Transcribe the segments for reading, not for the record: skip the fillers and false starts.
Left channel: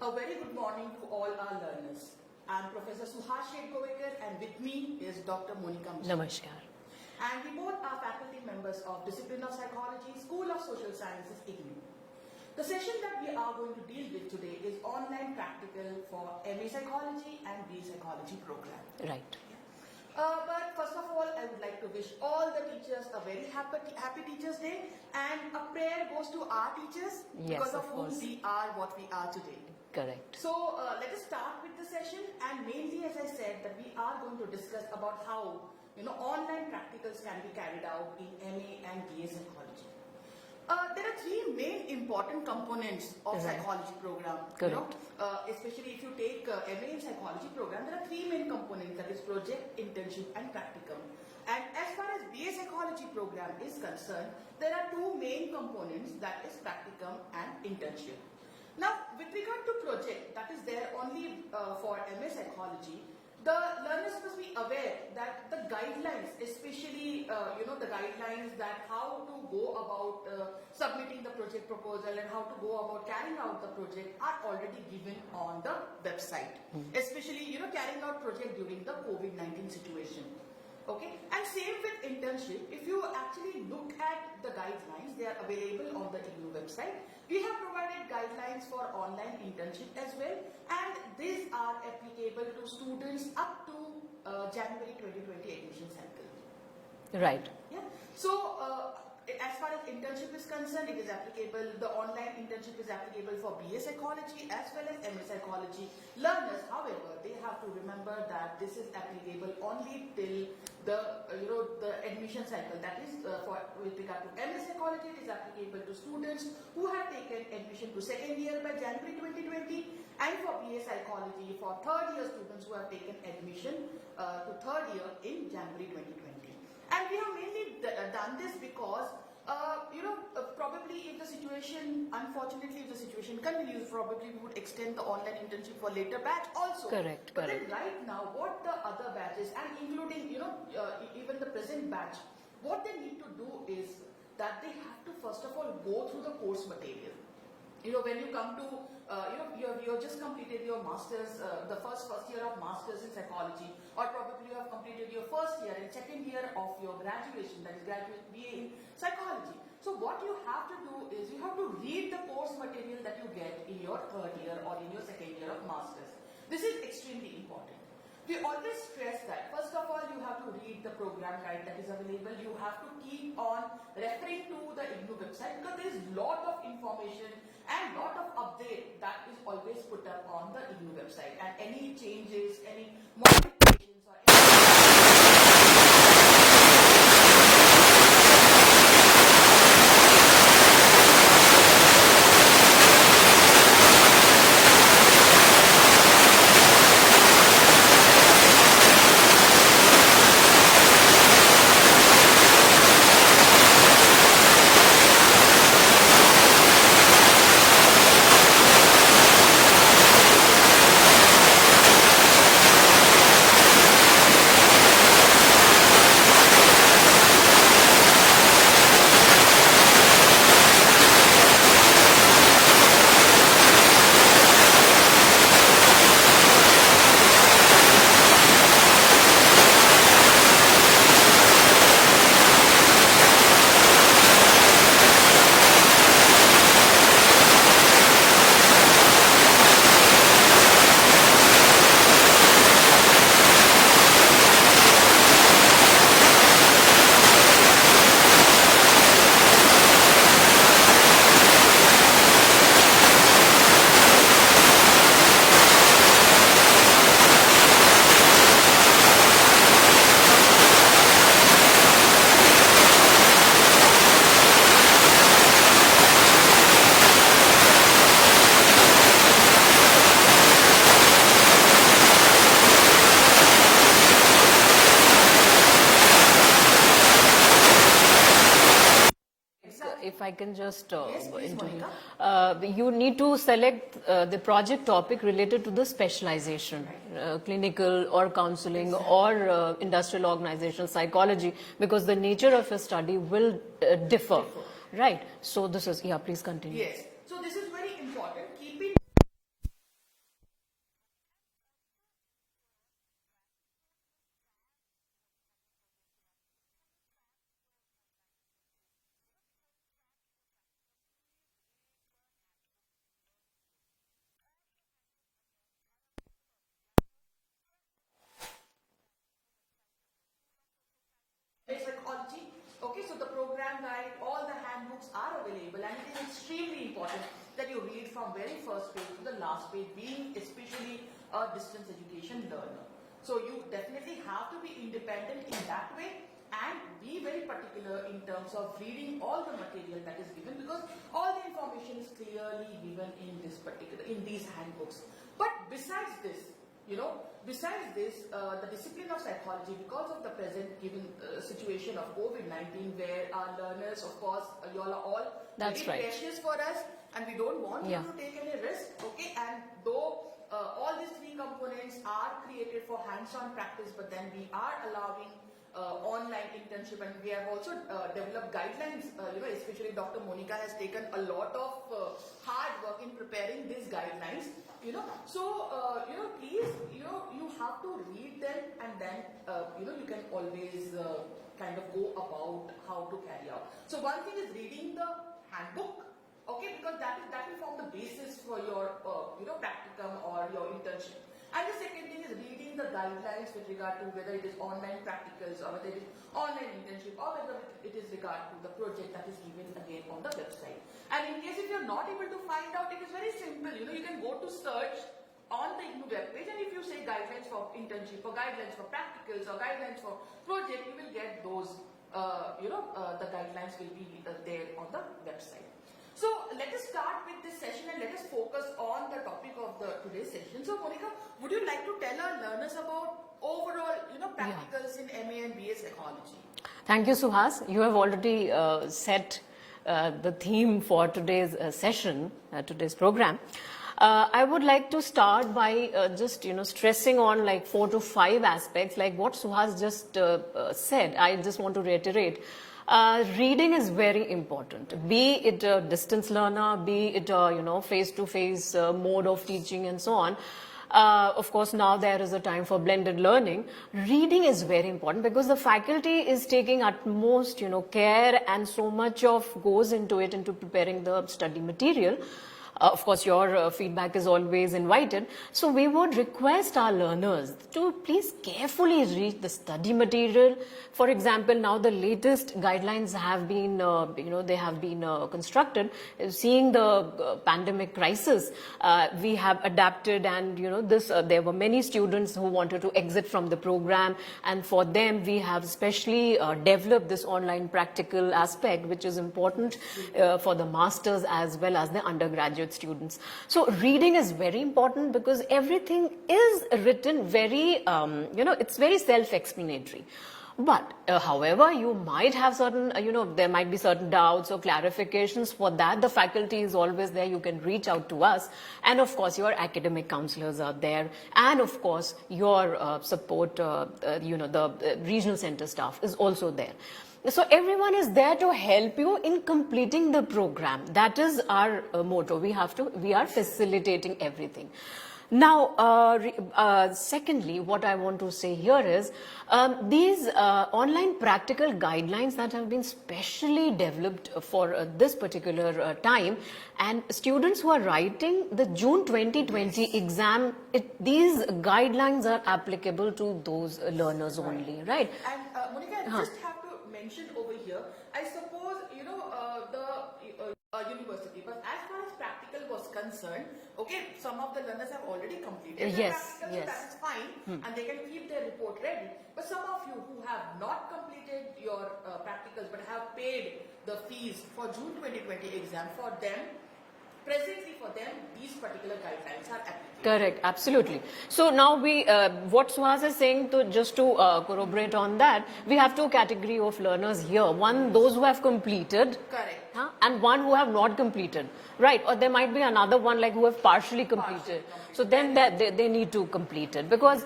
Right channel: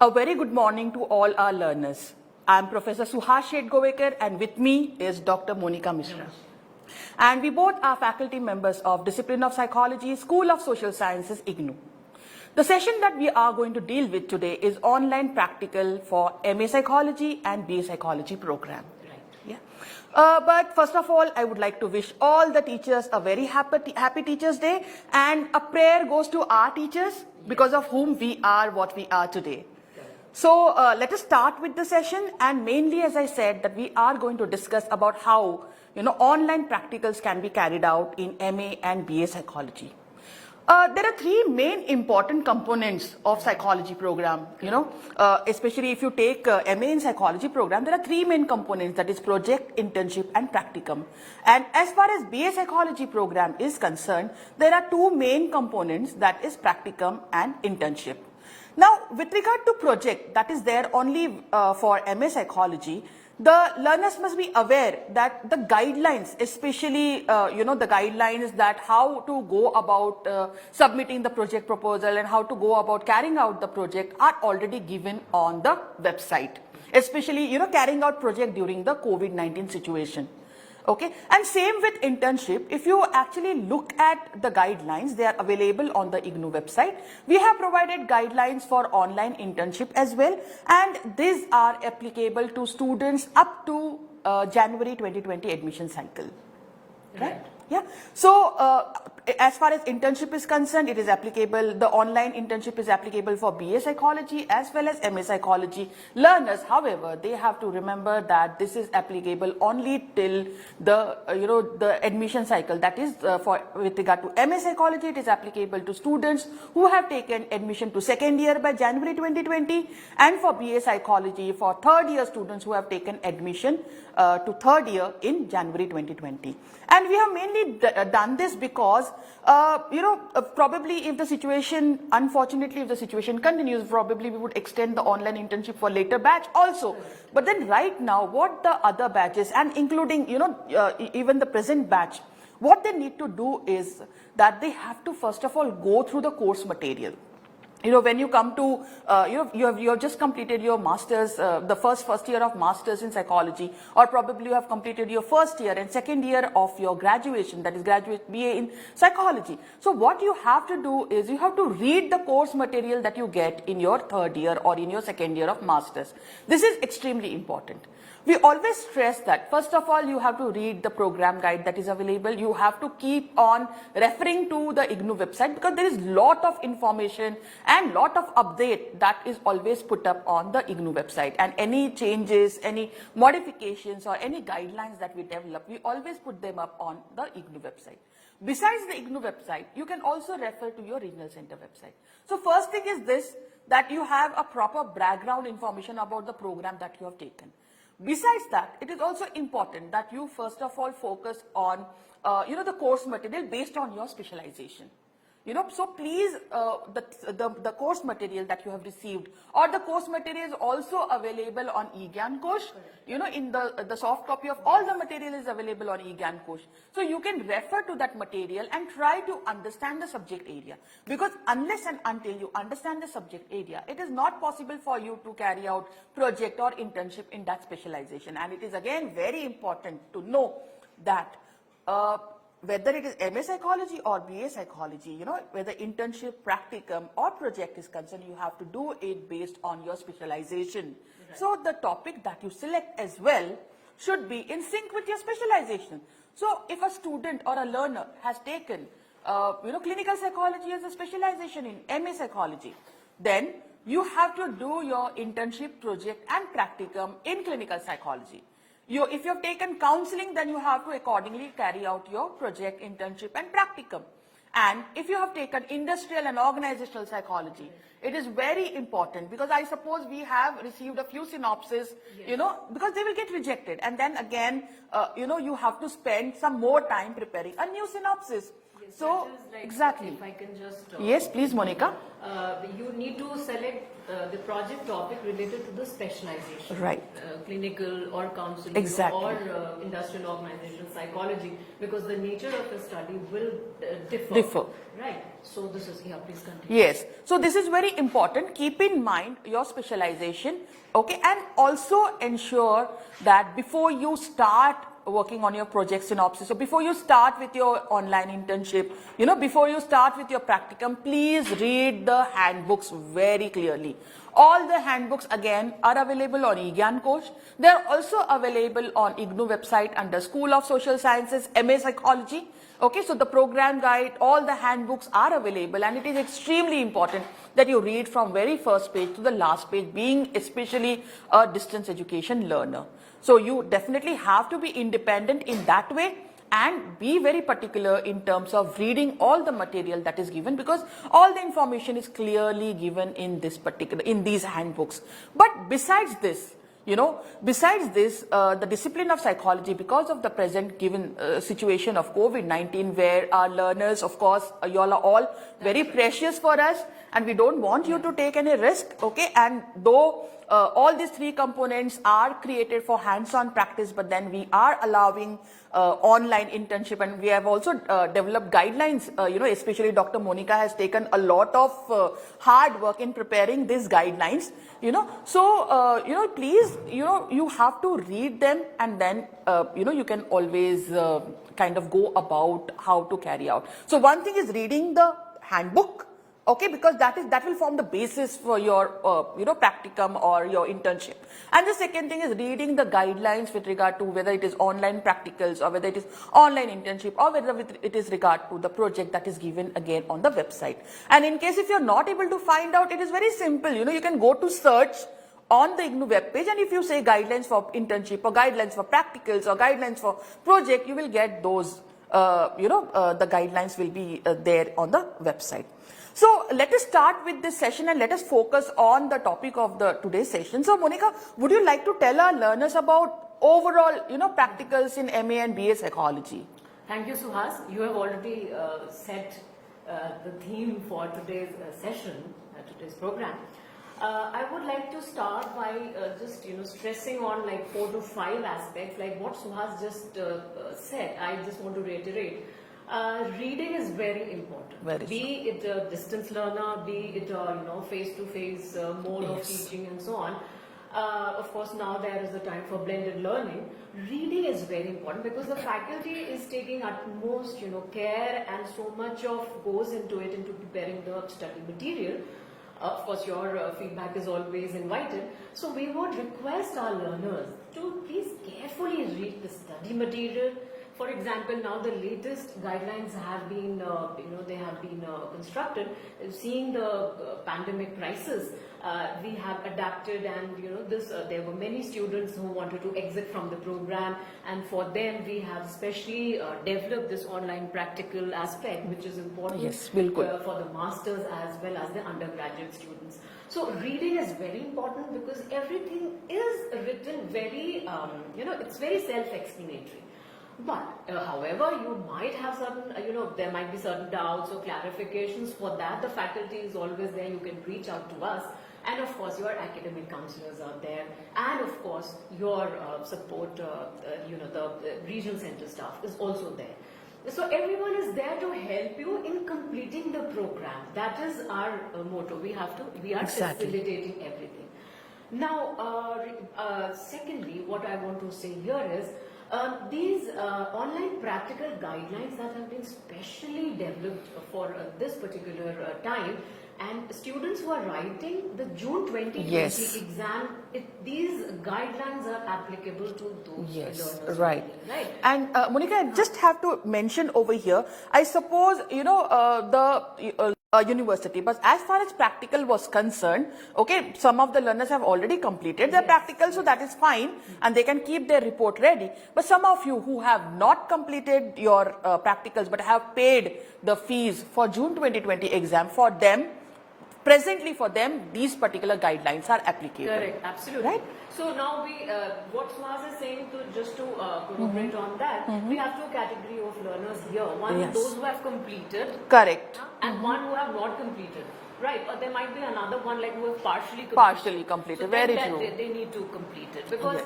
A very good morning to all our learners. I am Professor Suhas Shetgovekar, and with me is Dr. Monika Misra. And we both are faculty members of Discipline of Psychology, School of Social Sciences, IGNOU. The session that we are going to deal with today is online practical for MA Psychology and BA Psychology program. Right. Yeah. But first of all, I would like to wish all the teachers a very happy Teachers' Day, and a prayer goes to our teachers, because of whom we are what we are today. Correct. So let us start with the session, and mainly, as I said, that we are going to discuss about how online practicals can be carried out in MA and BA Psychology. There are three main important components of psychology program. Especially if you take MA in psychology program, there are three main components, that is project, internship, and practicum. And as far as BA Psychology program is concerned, there are two main components, that is practicum and internship. Now, with regard to project, that is there only for MA Psychology, the learners must be aware that the guidelines, especially, the guidelines that how to go about submitting the project proposal and how to go about carrying out the project are already given on the website, especially, carrying out project during the COVID-19 situation. Okay, and same with internship. If you actually look at the guidelines, they are available on the IGNOU website. We have provided guidelines for online internship as well, and these are applicable to students up to January 2020 admission cycle. Right. Yeah. So as far as internship is concerned, it is applicable, the online internship is applicable for BA Psychology as well as MA Psychology learners. However, they have to remember that this is applicable only till the, the admission cycle. That is with regard to MA Psychology, it is applicable to students who have taken admission to second year by January 2020, and for BA Psychology, for third year students who have taken admission to third year in January 2020. And we have mainly done this because, probably if the situation, unfortunately, if the situation continues, probably we would extend the online internship for later batch also. Correct. But then right now, what the other batches, and including, even the present batch, what they need to do is that they have to first of all go through the course material. When you come to, you have just completed your master's, the first year of master's in psychology, or probably you have completed your first year and second year of your graduation, that is graduate BA in psychology. So what you have to do is you have to read the course material that you get in your third year or in your second year of master's. This is extremely important. We always stress that, first of all, you have to read the program guide that is available. You have to keep on referring to the IGNOU website, because there is lot of information and lot of update that is always put up on the IGNOU website. And any changes, any modifications or can just... yes, please, Monika. You need to select the project topic related to the specialization. Right. Clinical or counseling Exactly. or industrial organizational psychology, because the nature of your study will differ. Right. So this is, please continue. Yes. So this is very important. Keep in mind your specialization, okay, and also ensure that before you start working on your project synopsis, so before you start with your online internship, before you start with your practicum, please read the handbooks very clearly. All the handbooks again are available on IGNOU. They are also available on IGNOU website under School of Social Sciences, MA Psychology. Okay, so the program guide, all the handbooks are available, and it is extremely important that you read from very first page to the last page, being especially a distance education learner. So you definitely have to be independent in that way and be very particular in terms of reading all the material that is given, because all the information is clearly given in these handbooks. But besides this, the discipline of psychology, because of the present given situation of COVID-19, where our learners, of course, you all are all very precious for us, and we don't want you to take any risk, okay? And though all these three components are created for hands-on practice, but then we are allowing online internship, and we have also developed guidelines, especially Dr. Monika has taken a lot of hard work in preparing these guidelines, so, please, you have to read them, and then, you can always kind of go about how to carry out. So one thing is reading the handbook, okay, because that will form the basis for your, practicum or your internship. And the second thing is reading the guidelines with regard to whether it is online practicals or whether it is online internship or whether it is regard to the project that is given again on the website. And in case if you're not able to find out, it is very simple. You can go to search on the IGNOU web page, and if you say guidelines for internship or guidelines for practicals or guidelines for project, you will get those, the guidelines will be there on the website. So let us start with this session and let us focus on the topic of today's session. So Monika, would you like to tell our learners about overall, practicals in MA and BA psychology? Thank you, Suhas. You have already set the theme for today's session, today's program. I would like to start by just stressing on like 4 to 5 aspects, like what Suhas just said. I just want to reiterate. Reading is very important. Be it a distance learner, be it a face-to-face mode of teaching and so on. Of course, now there is a time for blended learning. Reading is very important because the faculty is taking utmost care, and so much of goes into it, into preparing the study material. Of course, your feedback is always invited. So we would request our learners to please carefully read the study material. For example, now the latest guidelines have been, they have been constructed. Seeing the pandemic crisis, we have adapted, and there were many students who wanted to exit from the program, and for them we have specially developed this online practical aspect, which is important for the masters as well as the undergraduate students. So reading is very important because everything is written very, it's very self-explanatory. But however, you might have certain, there might be certain doubts or clarifications. For that, the faculty is always there. You can reach out to us. And of course, your academic counselors are there. And of course, your support, the regional center staff is also there. So everyone is there to help you in completing the program. That is our motto. We are facilitating everything. Now, secondly, what I want to say here is these online practical guidelines that have been specially developed for this particular time, and students who are writing the June 2020 exam, these guidelines are applicable to those learners only, right? And Monika, I just have to mention over here, I suppose, the university, but as far as practical was concerned, okay, some of the learners have already completed their practical, so that is fine, and they can keep their report ready. But some of you who have not completed your practicals but have paid the fees for June 2020 exam, for them presently for them, these particular guidelines are applicable. Correct, absolutely. Right? So now we, what Suhas is saying, to just to corroborate on that, we have two category of learners here. One, Yes. those who have completed, Correct. and one who have not completed. Right, or there might be another one like who have partially completed. Partially completed. So then Very true. they need to complete it, because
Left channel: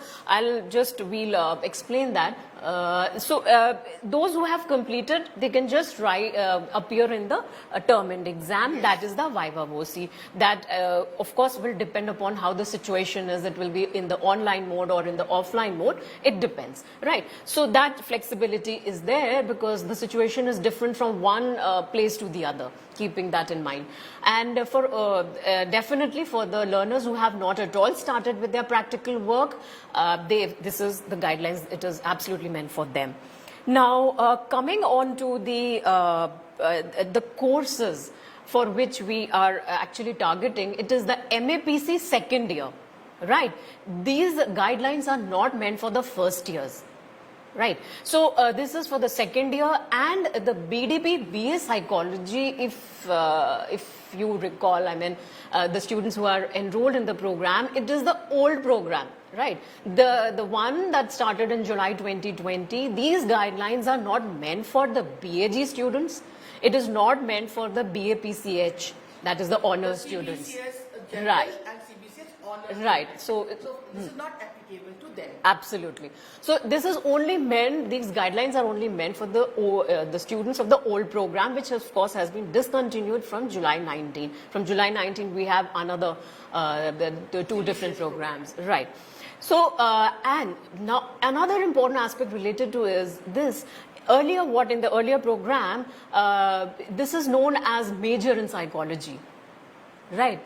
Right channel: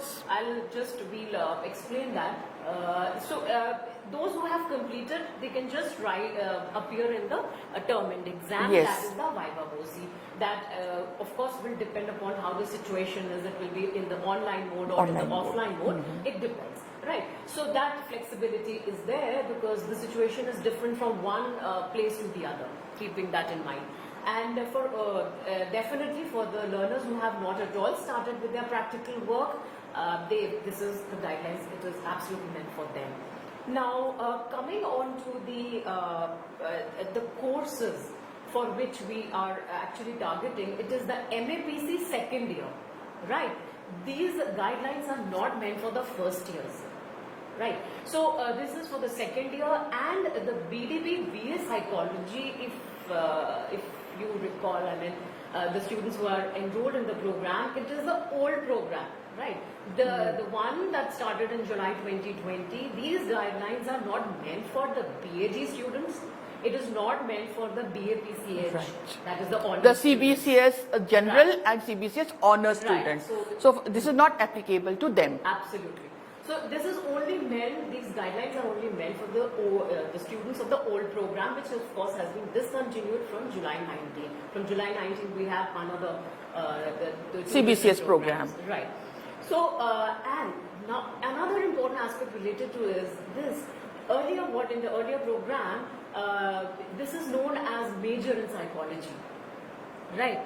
we'll explain that. Those who have completed, they can just appear in the term end exam. Yes. That is the Viva VOC. That of course will depend upon how the situation is. It will be in the online mode or in the offline mode. It depends, right? So that flexibility is there because the situation is different from one place to the other. Keeping that in mind, and for definitely for the learners who have not at all started with their practical work, this is the guidelines. It is absolutely meant for them. Now, coming on to the courses for which we are actually targeting, it is the MAPC second year, right? These guidelines are not meant for the first years. Right. So this is for the second year, and the BDP-BA psychology, if you recall, I mean, the students who are enrolled in the program, it is the old program. Right. The one that started in July 2020, these guidelines are not meant for the BAG students. It is not meant for the BAPCH, right. That is the honors The CBCS general right. and CBCS honors right. students. So this is not applicable to them. Absolutely. So this is only meant, these guidelines are only meant for the students of the old program, which of course has been discontinued from July 19. From July 19, we have another, the two CBCS different programs. program. Right. So, and now another important aspect related to is this. Earlier, in the earlier program, this is known as major in psychology, right?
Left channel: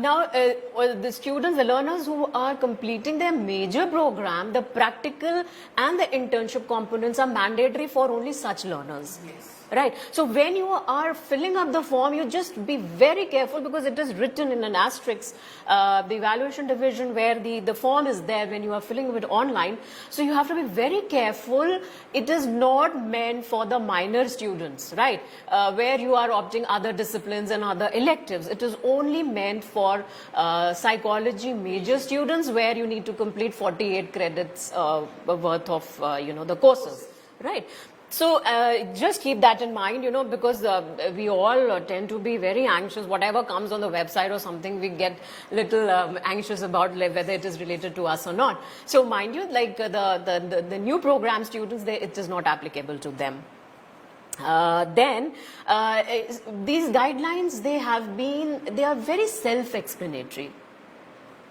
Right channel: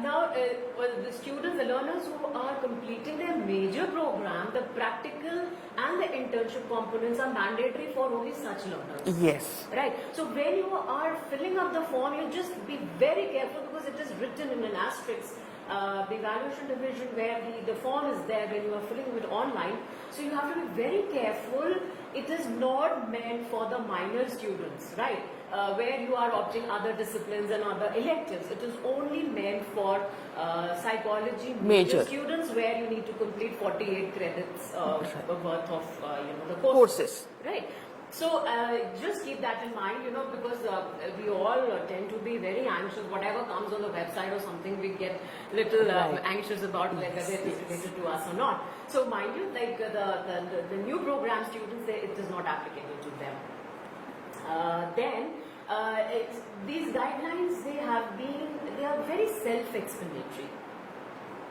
Now, the students, the learners who are completing their major program, the practical and the internship components are mandatory for only such learners. Yes. Right. So when you are filling up the form, you just be very careful because it is written in an asterisk, the evaluation division where the form is there when you are filling it online. So you have to be very careful. It is not meant for the minor students, right? Where you are opting other disciplines and other electives. It is only meant for psychology major students, where you need to complete 48 credits worth of the courses. Right. So just keep that in mind, because we all tend to be very anxious. Whatever comes on the website or something, we get little anxious about whether it is related to us or not. So mind you, like the new program students, it is not applicable to them. These guidelines, they are very self-explanatory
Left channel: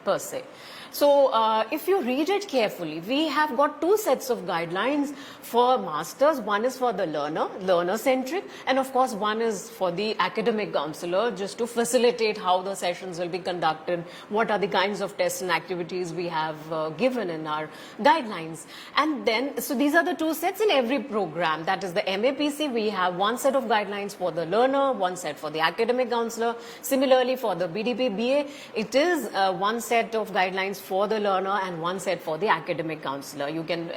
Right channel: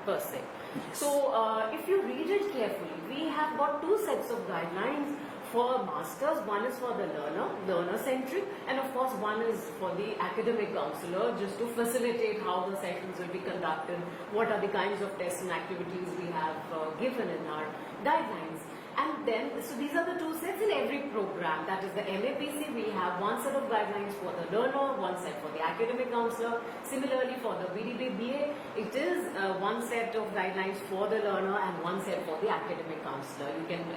per se. So if you read it carefully, we have got two sets of guidelines for masters. One is for the learner-centric, and of course one is for the academic counselor, just to facilitate how the sessions will be conducted, what are the kinds of tests and activities we have given in our guidelines. And then, so these are the two sets in every program. That is the MAPC, we have one set of guidelines for the learner, one set for the academic counselor. Similarly, for the BDP-BA, it is one set of guidelines for the learner and one set for the academic counselor.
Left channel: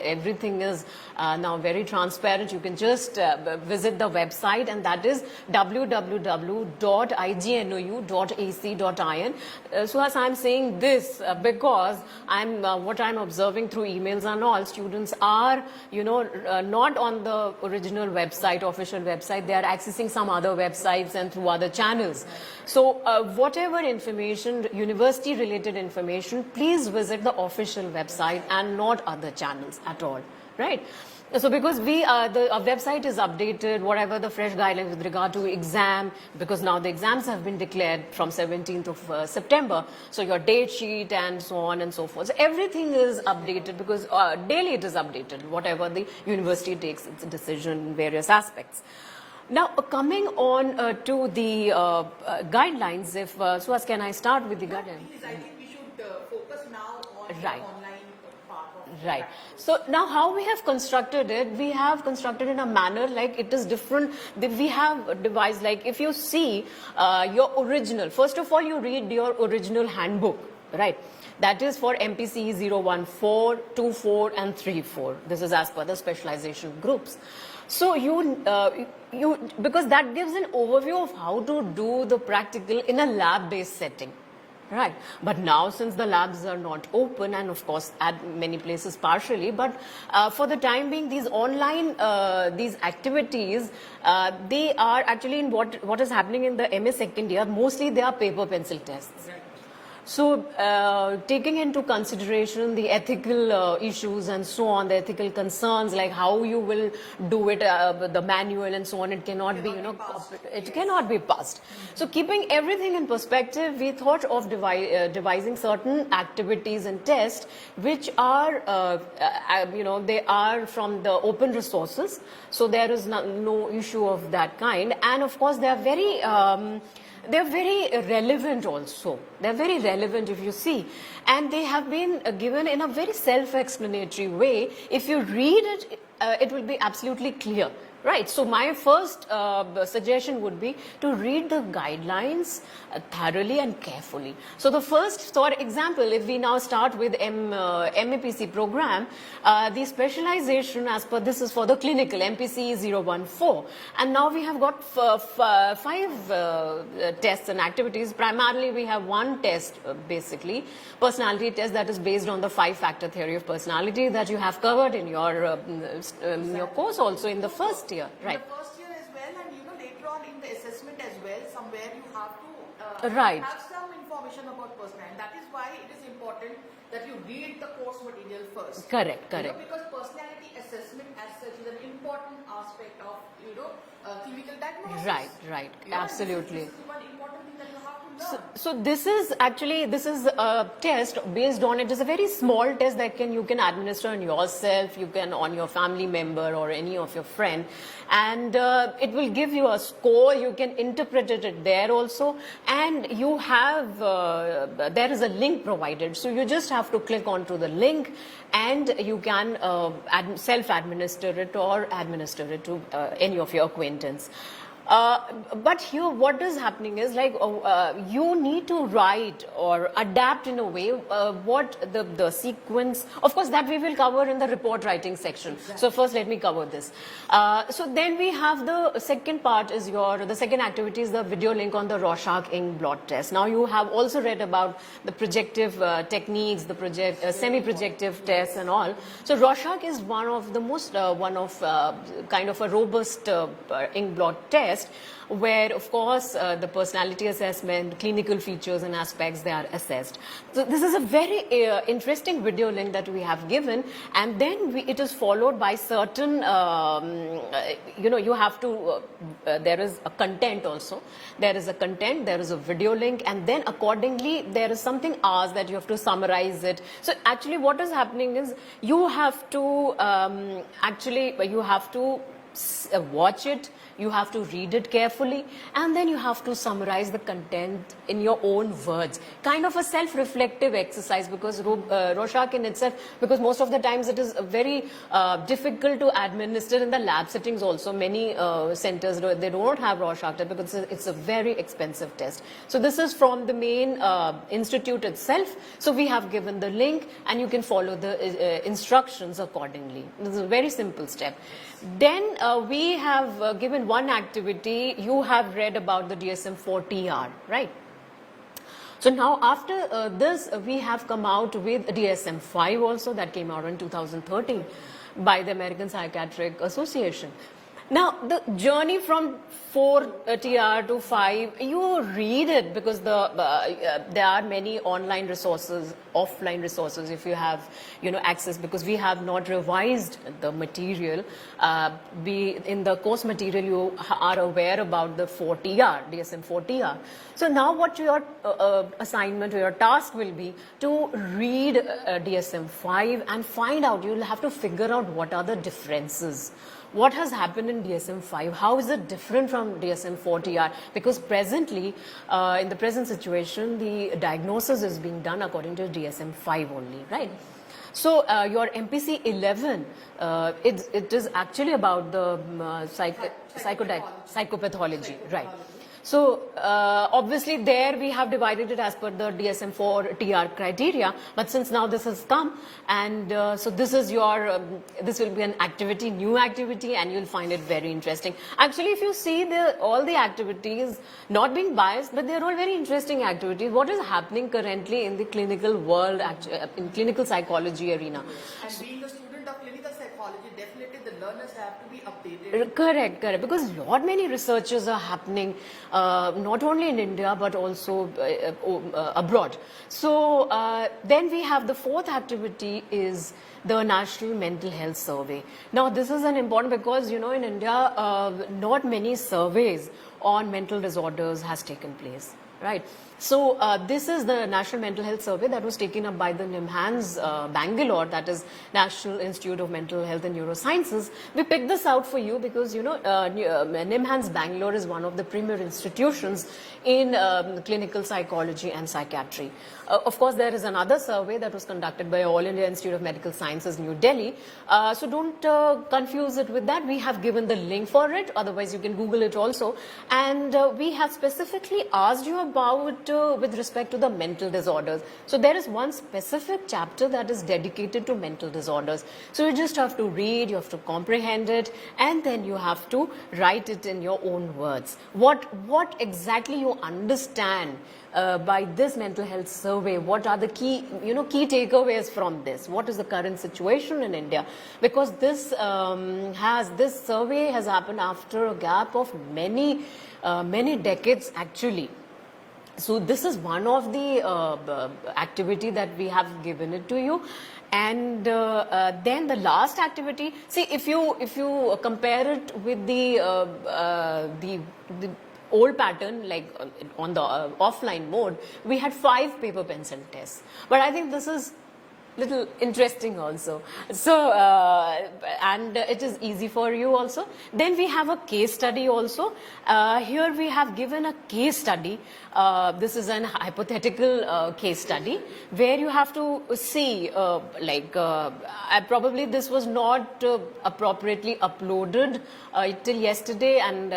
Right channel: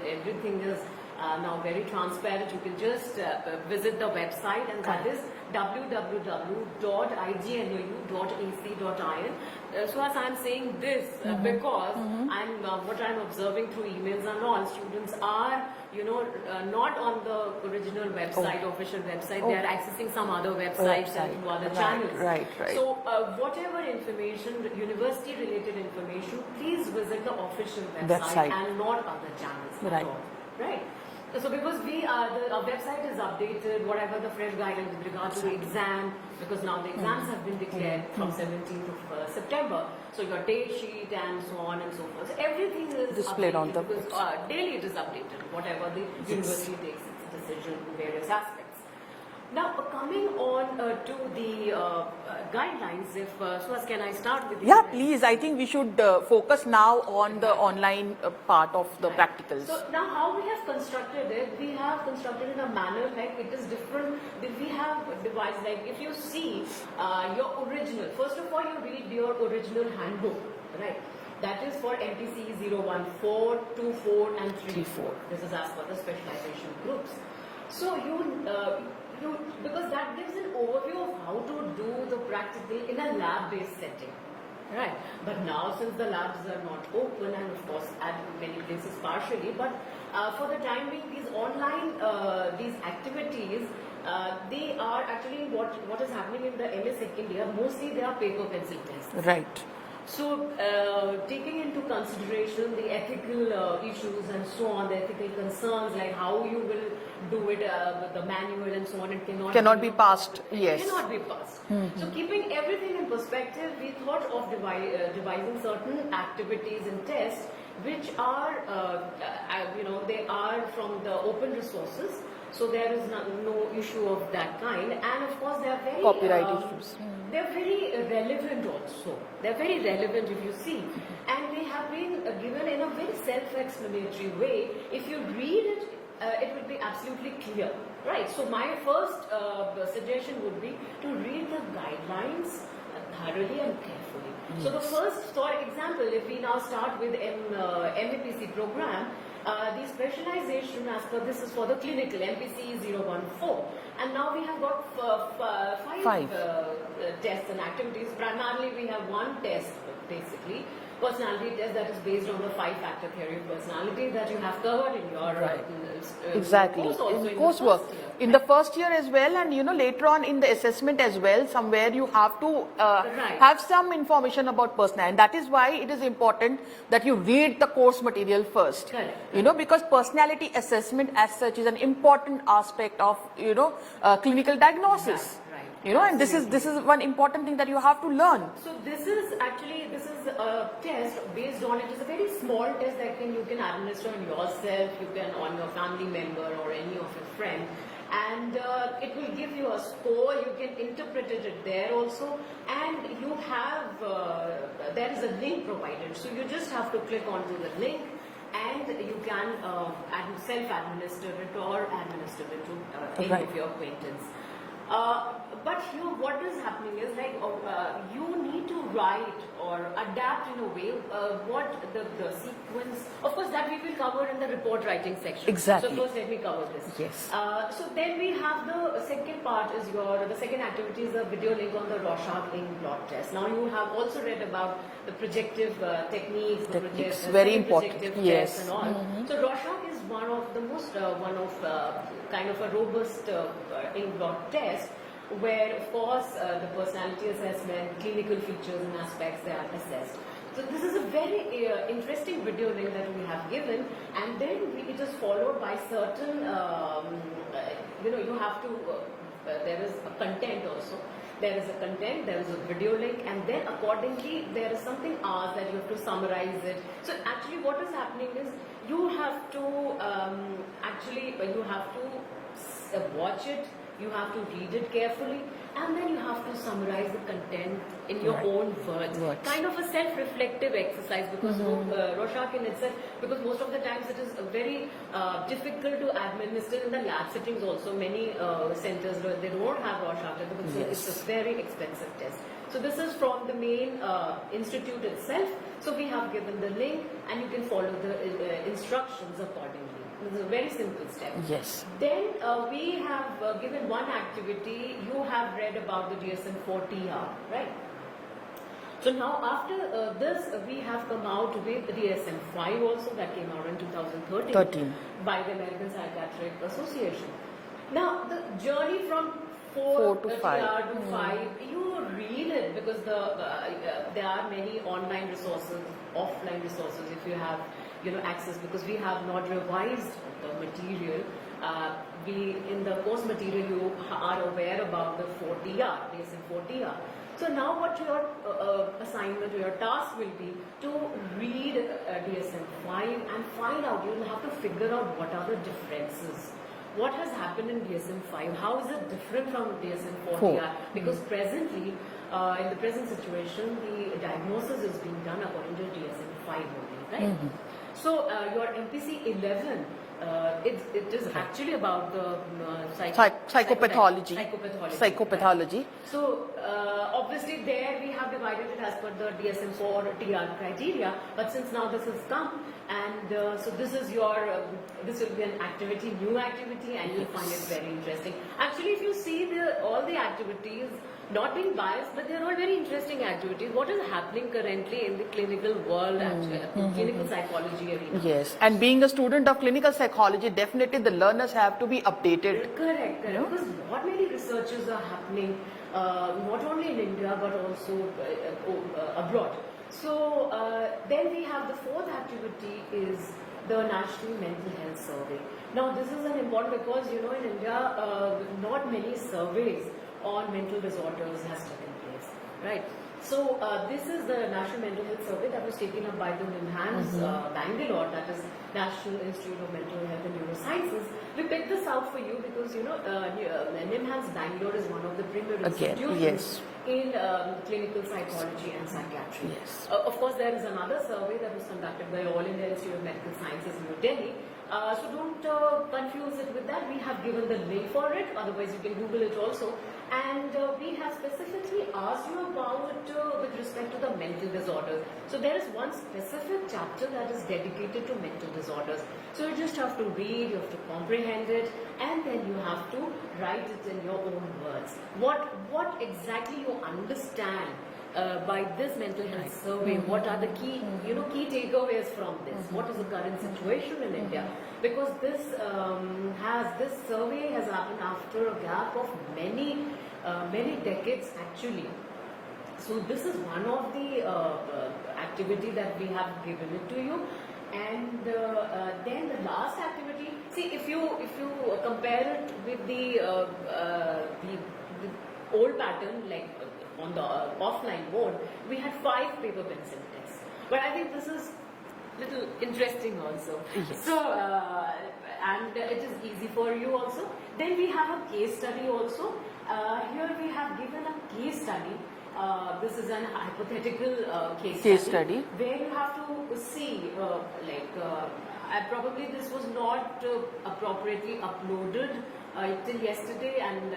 Everything is now very transparent. You can just visit the website, and that is www.ignou.ac.in. So as I'm saying this because what I'm observing through emails and all, students are not on the original website, official website. They are accessing some other websites and through other channels. Right. So whatever information, university related information, please visit the official website and not other channels at all. Right. So because the website is updated, whatever the fresh guidelines with regard to exam, because now the exams have been declared from 17th of September. So your date sheet and so on and so forth. So everything is updated because daily it is updated, whatever the university takes its decision in various aspects. Now, coming on to the guidelines, if Suhas, can I start with the Yeah, please. I think we should focus now on the online part of the practicals. So now how we have constructed it, we have constructed in a manner like it is different. We have devised, like if you see your original, first of all, you read your original handbook, right? That is for MPC 014, 24 and 34. This is as per the specialization groups. So because that gives an overview of how to do the practical in a lab-based setting. Right, but now since the labs are not open, and of course at many places partially, but for the time being, these online these activities, they are actually in what is happening in the MA second year. Mostly they are paper pencil tests. Right. So, taking into consideration the ethical issues and so on, the ethical concerns like how you will do it, the manual and so on, it cannot be passed. It Yes. cannot be passed. So, keeping everything in perspective, we thought of devising certain activities and tests which are, they are from the open resources. So, there is no issue of that kind, and of course, they are very. They're very relevant also. They're very relevant if you see. And they have been given in a very self-explanatory way. If you read it, it will be absolutely clear. Right. So my first suggestion would be to read the guidelines thoroughly and carefully. So the first, for example, if we now start with MAPC program, the specialization as per this is for the clinical MPC 014, and now we have got five tests and activities. Primarily we have one test, basically personality test, that is based on the 5-factor theory of personality that you have covered in your course also in the first year. In the first year as well, and later on in the assessment as well, somewhere you have to have some information about personality, and that is why it is important that you read the course material first. Correct. Because personality assessment as such is an important aspect of clinical diagnosis. Right. And this is one important thing that you have to learn. So this is a test based on, it is a very small test that you can administer on yourself, you can on your family member or any of your friend, and it will give you a score. You can interpret it there also, and you have there is a link provided, so you just have to click onto the link and you can self-administer it or administer it to any of your acquaintance. But here what is happening is you need to write or adapt in a way what the sequence, of course that we will cover in the report writing section. Exactly. So first let me cover this. Yes. So then we have the second part is the second activity is the video link on the Rorschach ink blot test. Now you have also read about the projective techniques, the semi-projective tests and all. So Rorschach is one of the most, kind of a robust ink blot test, where of course the personality assessment, clinical features and aspects, they are assessed. So this is a very interesting video link that we have given, and then it is followed by certain you have to there is a content also. There is a content, there is a video link, and then accordingly there is something asked that you have to summarize it. So actually what is happening is you have to watch it, you have to read it carefully, and then you have to summarize the content in your own words. Kind of a self-reflective exercise, because Rorschach in itself, because most of the times it is very difficult to administer in the lab settings also. Many centers, they don't have Rorschach test because it's a very expensive test. So this is from the main institute itself. So we have given the link and you can follow the instructions accordingly. This is a very simple step. Yes. Then we have given one activity. You have read about the DSM-4TR, right? So now after this, we have come out with DSM-5 also, that came out in 2013 by the American Psychiatric Association. Now the journey from 4 TR to 5, you read it because there are many online resources, offline resources if you have access, because we have not revised the material. In the course material you are aware about the 4 TR, DSM-4 TR. So now what your assignment or your task will be to read DSM-5 and find out, you will have to figure out what are the differences. What has happened in DSM-5? How is it different from DSM-4-TR? Because presently, in the present situation, the diagnosis is being done according to DSM-5 only, right? So your MPC 11, it is actually about the psychopathology. Right. So obviously there we have divided it as per the DSM-4 TR criteria, but since now this has come, and so this is your this will be an activity, new activity, and you'll find it very interesting. Actually, if you see all the activities, not being biased, but they're all very interesting activities. What is happening currently in the clinical world, in clinical psychology arena? Yes, and being a student of clinical psychology, definitely the learners have to be updated. Correct. Because lot many researches are happening, not only in India but also abroad. So then we have the fourth activity is the National Mental Health Survey. Now this is an important because in India not many surveys on mental disorders has taken place, right? So this is the National Mental Health Survey that was taken up by the NIMHANS Bangalore, that is National Institute of Mental Health and Neurosciences. We picked this out for you because NIMHANS Bangalore is one of the premier institutions in clinical psychology and psychiatry. Of course, there is another survey that was conducted by All India Institute of Medical Sciences, New Delhi. So don't confuse it with that. We have given the link for it. Otherwise, you can Google it also. And we have specifically asked you about with respect to the mental disorders. So there is one specific chapter that is dedicated to mental disorders. So you just have to read, you have to comprehend it, and then you have to write it in your own words. What exactly you understand by this mental health survey? What are the key takeaways from this? What is the current situation in India? Because this this survey has happened after a gap of many decades actually. So this is one of the activity that we have given it to you. And then the last activity, see if you compare it with the old pattern, like on the offline mode, we had 5 paper pencil tests. But I think this is little interesting also. So and it is easy for you also. Then we have a case study also. Here we have given a case study. This is an hypothetical case study where you have to see probably this was not appropriately uploaded till yesterday, and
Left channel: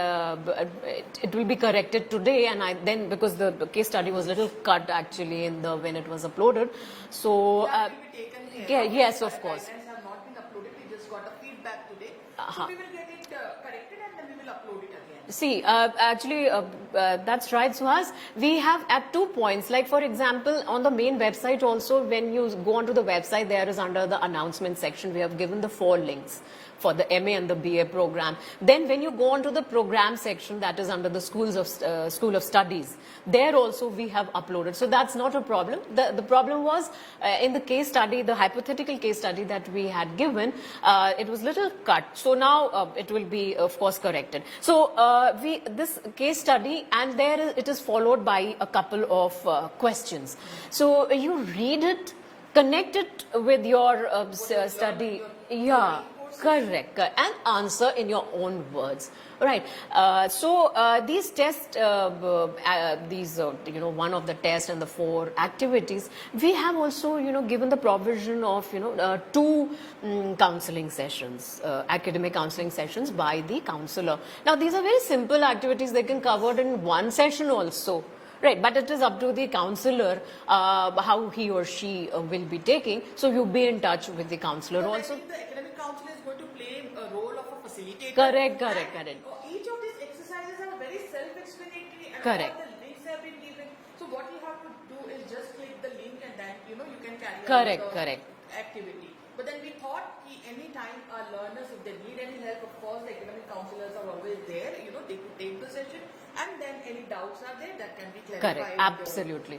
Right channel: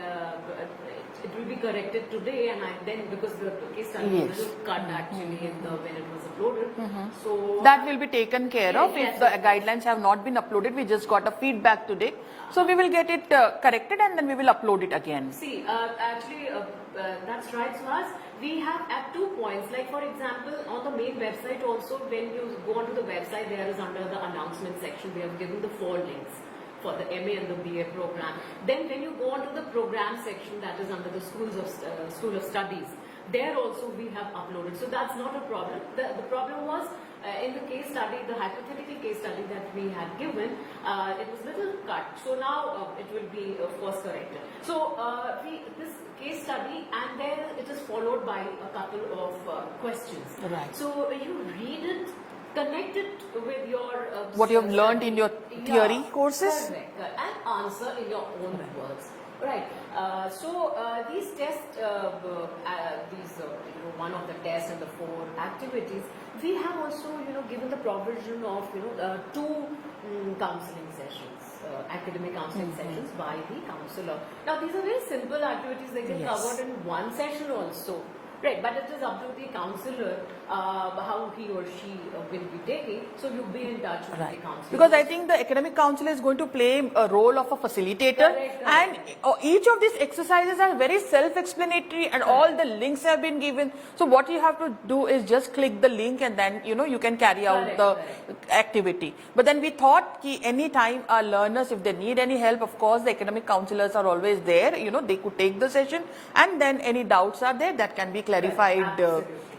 it will be corrected today, and then because the case study was little cut actually in when it was uploaded. So that will be taken care of. Yes, if the guidelines have not been uploaded, we just got a feedback today. So we will get it corrected and then we will upload it again. See, actually, that's right, Suhas. We have at 2 points, like for example, on the main website also, when you go onto the website, there is under the announcement section, we have given the 4 links for the MA and the BA program. Then when you go on to the program section, that is under the School of Studies, there also we have uploaded. So that's not a problem. The problem was in the case study, the hypothetical case study that we had given, it was little cut. So now it will be of course corrected. So this case study, and it is followed by a couple of questions. Right. So you read it, connect it with your what you have learned in your theory courses. Correct, and answer in your own words. Right. So these tests, one of the tests and the 4 activities, we have also given the provision of 2 counseling sessions, academic counseling sessions by the counselor. Now these are very simple activities; they can covered in one session also. Right, but it is up to the counselor how he or she will be taking. So you be in touch with the counselor. Because I think the academic counselor is going to play a role of a facilitator. Correct. Each of these exercises are very self-explanatory, and all the links have been given. So what you have to do is just click the link, and then you can carry out the activity. But then we thought any time our learners, if they need any help, of course the academic counselors are always there. They could take the session, and then any doubts are there that can be clarified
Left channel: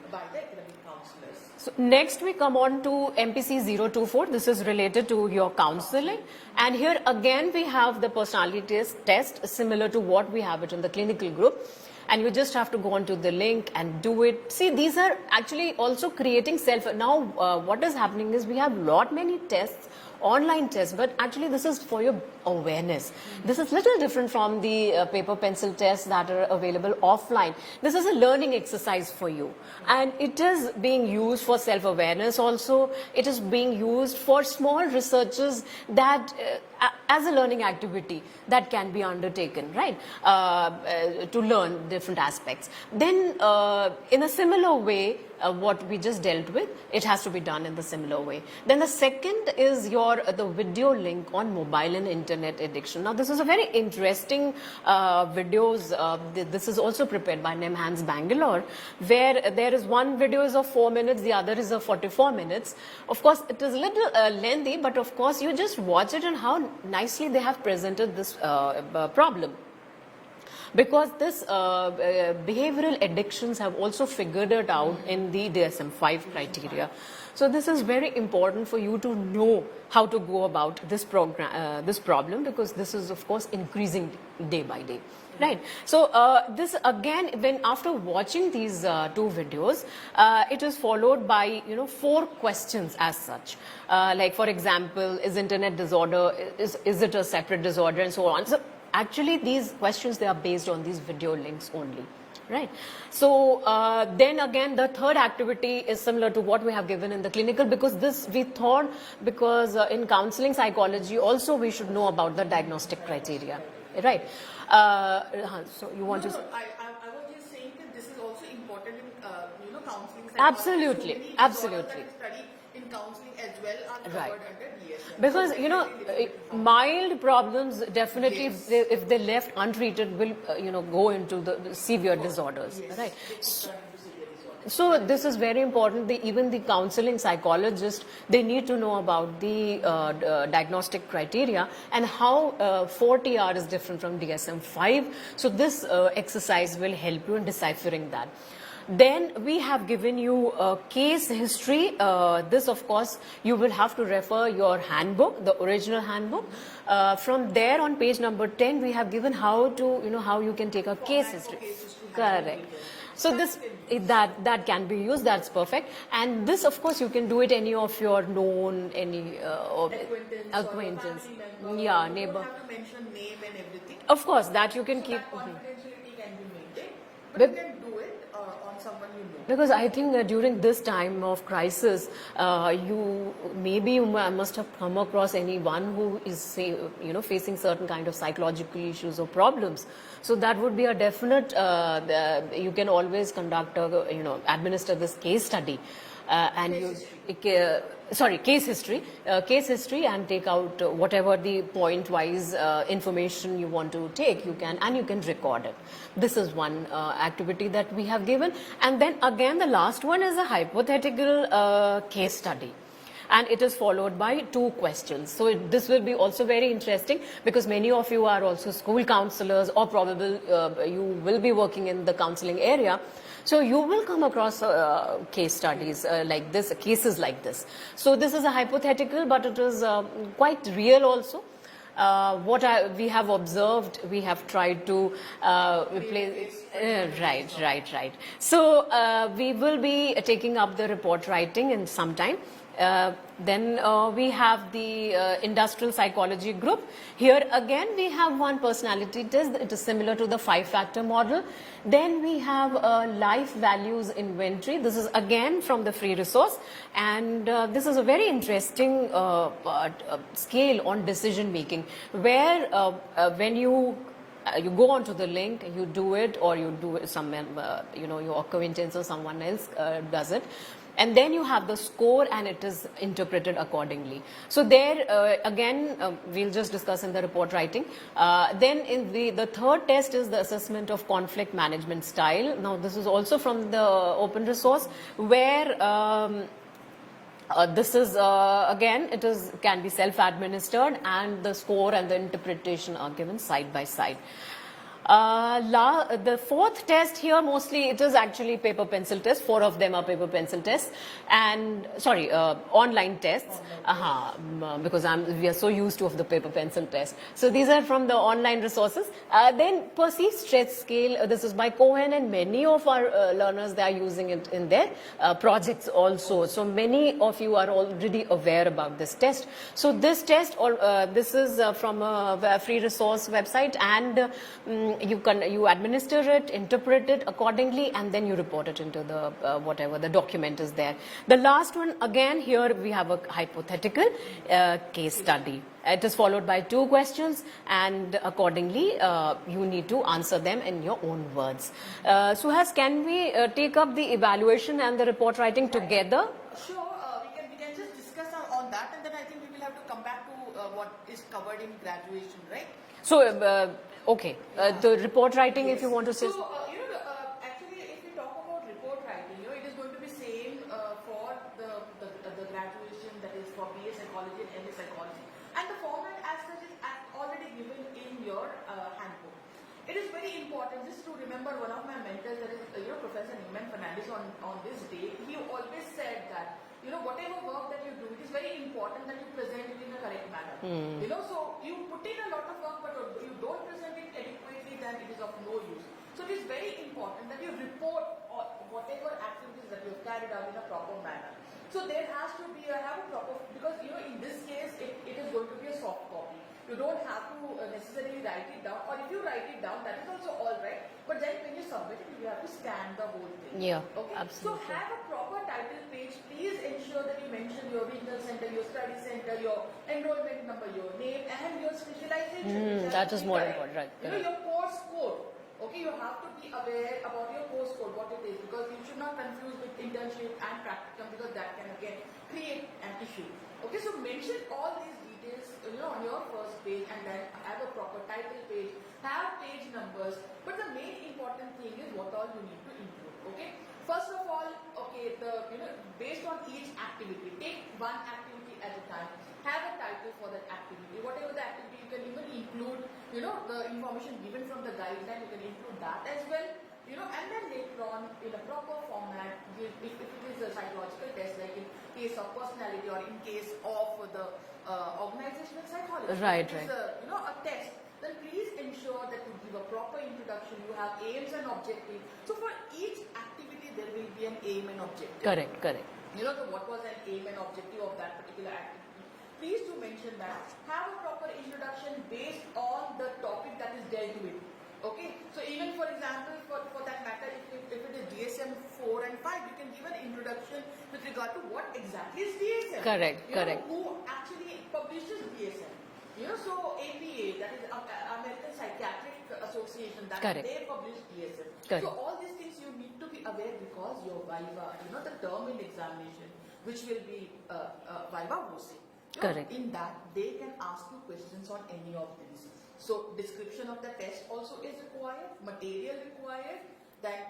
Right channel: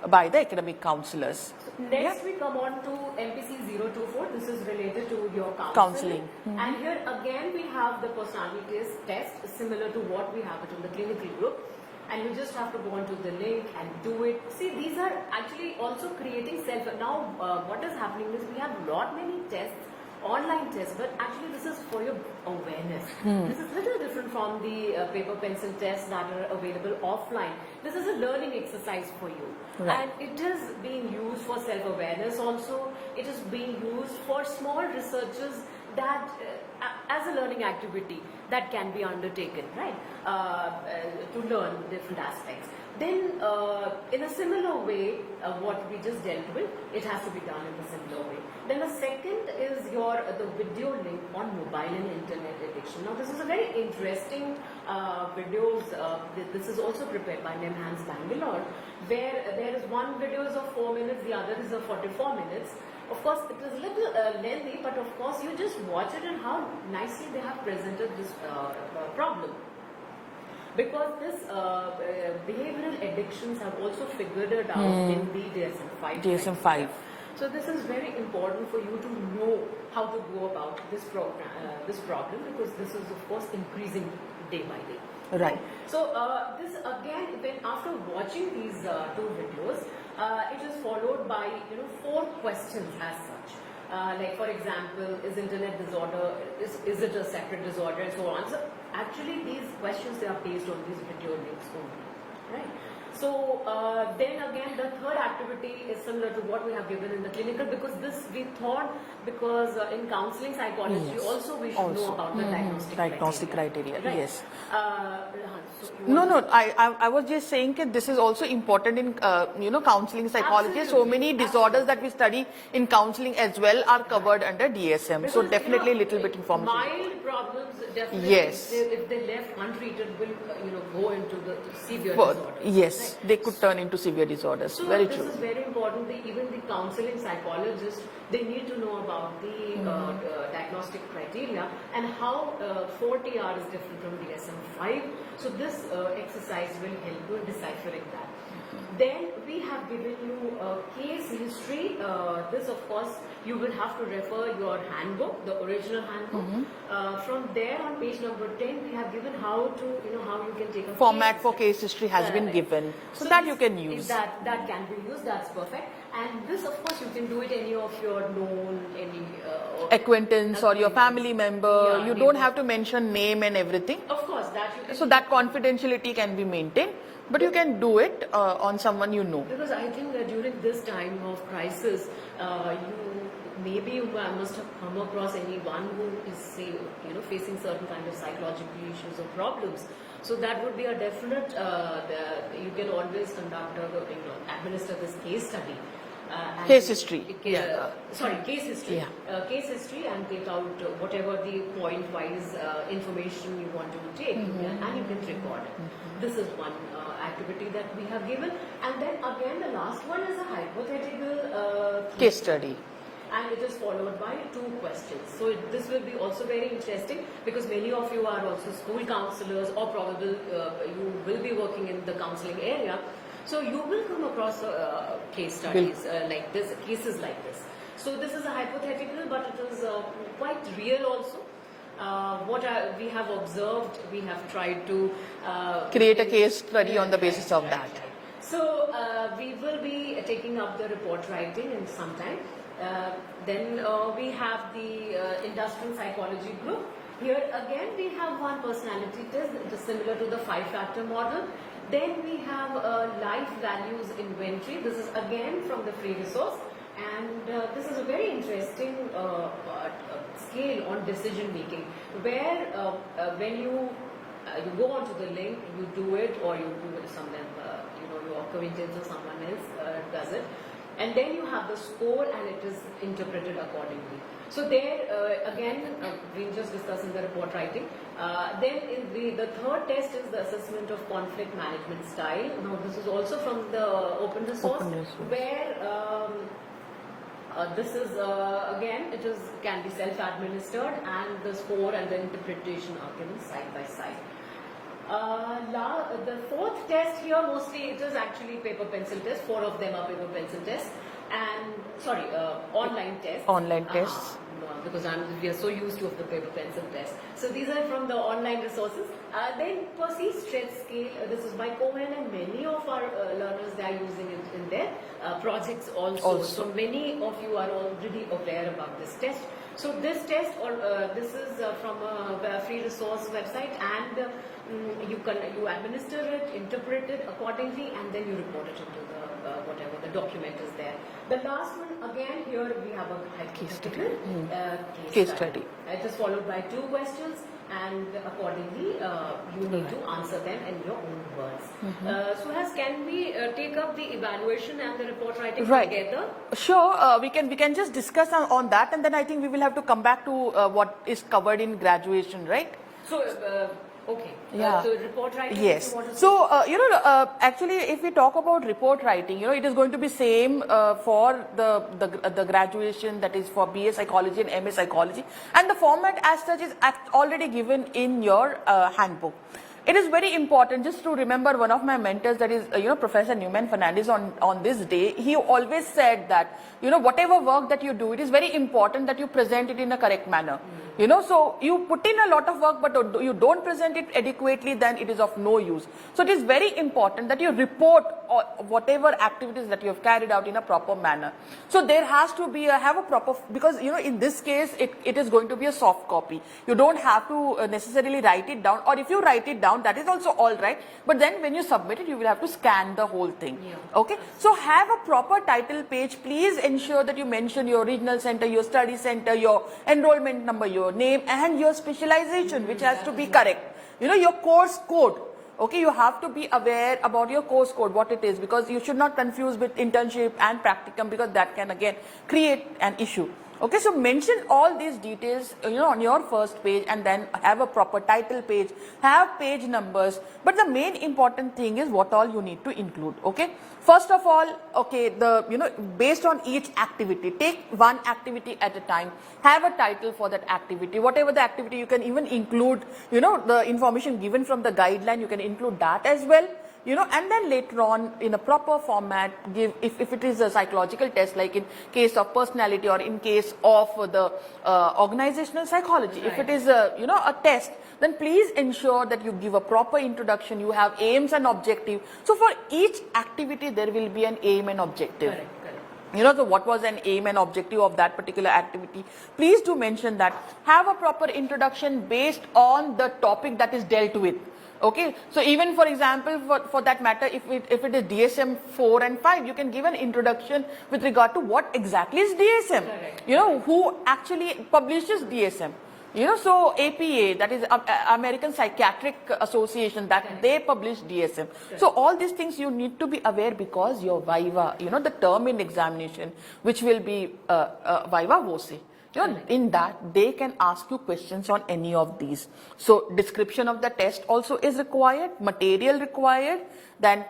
by the academic counselors. So next we come on to MPC 024. This is related to your counseling. And here again we have the personality test similar to what we have it in the clinical group. And you just have to go onto the link and do it. See, these are actually also creating self. Now what is happening is we have many tests online test, but actually this is for your awareness. This is little different from the paper pencil tests that are available offline. This is a learning exercise for you, and it is being used for self-awareness also. It is being used for small researches that as a learning activity that can be undertaken, right, to learn different aspects. Then in a similar way, what we just dealt with, it has to be done in the similar way. Then the second is the video link on mobile and internet addiction. Now this is a very interesting videos. This is also prepared by NEMHANS Bangalore, where there is one video is of 4 minutes, the other is of 44 minutes. Of course, it is a little lengthy, but of course you just watch it and how nicely they have presented this problem. Because this behavioral addictions have also figured it out in the DSM-5 criteria. So this is very important for you to know how to go about this problem, because this is of course increasing day by day. Right. So this again, when after watching these two videos, it is followed by 4 questions as such. Like for example, is internet disorder, is it a separate disorder, and so on. So actually these questions, they are based on these video links only, right? So then again, the third activity is similar to what we have given in the clinical, because this we thought, because in counseling psychology also we should know about the diagnostic criteria, right? Yes. So you want I was just saying that this is also important in counseling psychology. Absolutely. So many disorders that Absolutely. we study in counseling as well are covered under DSM. Because, so definitely little bit informative. Mild problems definitely, Yes. if they left untreated, will go into the severe disorders. Yes, right? they could turn into severe disorders. So Very this true. is very important. Even the counseling psychologists, they need to know about the diagnostic criteria and how 4TR is different from DSM-5. So this exercise will help you in deciphering that. Then we have given you a case history. This of course you will have to refer your handbook, the original handbook. From there on page number 10 we have given how to how you can take a Format case for history. case history has been Correct. given. So this, that you can use. That can be used. That's perfect. And this of course you can do it any of your known Acquaintance or your family member. Yeah, you neighbor. don't have to mention name and everything. Of course that you can. So keep- that confidentiality can be maintained. But you can do it on someone you know. Because I think during this time of crisis, you must have come across anyone who is facing certain kind of psychological issues or problems. So that would be a definite. You can always conduct administer this case study. And Case history. Case history. Case history, and take out whatever the point-wise information you want to take. You can record it. This is one activity that we have given, and then again the last one is a hypothetical case study. And it is followed by 2 questions. So this will be also very interesting, because many of you are also school counselors, or probably you will be working in the counseling area. So you will come across case studies like this, cases like this. So this is a hypothetical, but it is quite real also. What we have observed, we have tried to Create a case study on the basis of that. Right. So we will be taking up the report writing in some time. Then we have the industrial psychology group. Here again we have one personality test. It is similar to the 5-factor model. Then we have life values inventory. This is again from the free resource, and this is a very interesting scale on decision making, where when you go onto the link, you do it, or you do it your acquaintance or someone else does it, and then you have the score and it is interpreted accordingly. So there again we'll just discuss in the report writing. Then in the third test is the assessment of conflict management style. Now this is also from the open resource, where this is again can be self-administered, and the score and the interpretation are given side by side. The fourth test here, mostly it is actually paper pencil test. 4 of them are paper pencil tests, and sorry, online tests. Online tests. Because we are so used to of the paper pencil test. So these are from the online resources. Then perceived stretch scale. This is by Cohen, and many of our learners, they are using it in their projects also. So many of you are already aware about this test. So this test, or this is from a free resource website, and you administer it, interpret it accordingly, and then you report it into the whatever the document is there. The last one, again, here we have a hypothetical case study. It is followed by 2 questions, and accordingly you need to answer them in your own words. Suhas, can we take up the evaluation and the report writing together? Sure, we can just discuss on that, and then I think we will have to come back to what is covered in graduation, right? So okay, the report writing, if you want to say. So, actually, if we talk about report writing, it is going to be same for the graduation, that is for BA Psychology and MA Psychology, and the format as such is already given in your handbook. It is very important just to remember one of my mentors, that is, Professor Newman Fernandez, on this day, he always said that, whatever work that you do, it is very important that you present it in a correct manner. So you put in a lot of work, but you don't present it adequately, then it is of no use. So it is very important that you report whatever activities that you have carried out in a proper manner. So there has to be have a proper, because in this case it is going to be a soft copy. You don't have to necessarily write it down, or if you write it down, that is also all right, but then when you submit it, you will have to scan the whole thing. Okay, absolutely. So have a proper title page. Please ensure that you mention your regional center, your study center, your enrollment number, your name, and your specialization, which has to be correct. Right. Your course code. Okay, you have to be aware about your course code, what it is, because you should not confuse with internship and practicum, because that can again create an issue. Okay, so mention all these details, on your first page, and then have a proper title page, have page numbers. But the main important thing is what all you need to include. Okay, first of all, okay, based on each activity, take one activity at a time. Have a title for that activity. Whatever the activity, you can even include, the information given from the guideline. You can include that as well. And then later on, in a proper format, give, if it is a psychological test, like in case of personality, or in case of the organizational psychology, if it is a test, then please ensure that you give a proper introduction. You have aims and objective. So for each activity, there will be an aim and objective. Correct. So what was an aim and objective of that particular activity? Please do mention that. Have a proper introduction based on the topic that is dealt with. Okay, so even for example, for that matter, if it is DSM 4 and 5, you can give an introduction with regard to what exactly is DSM. Correct. Who actually publishes DSM. So APA, that is American Psychiatric Association, that they publish DSM. So all these things you need to be aware, because your Viva, the term in examination, which will be Viva Voce. In that, they can ask you questions on any of these. So description of the test also is required, material required. Then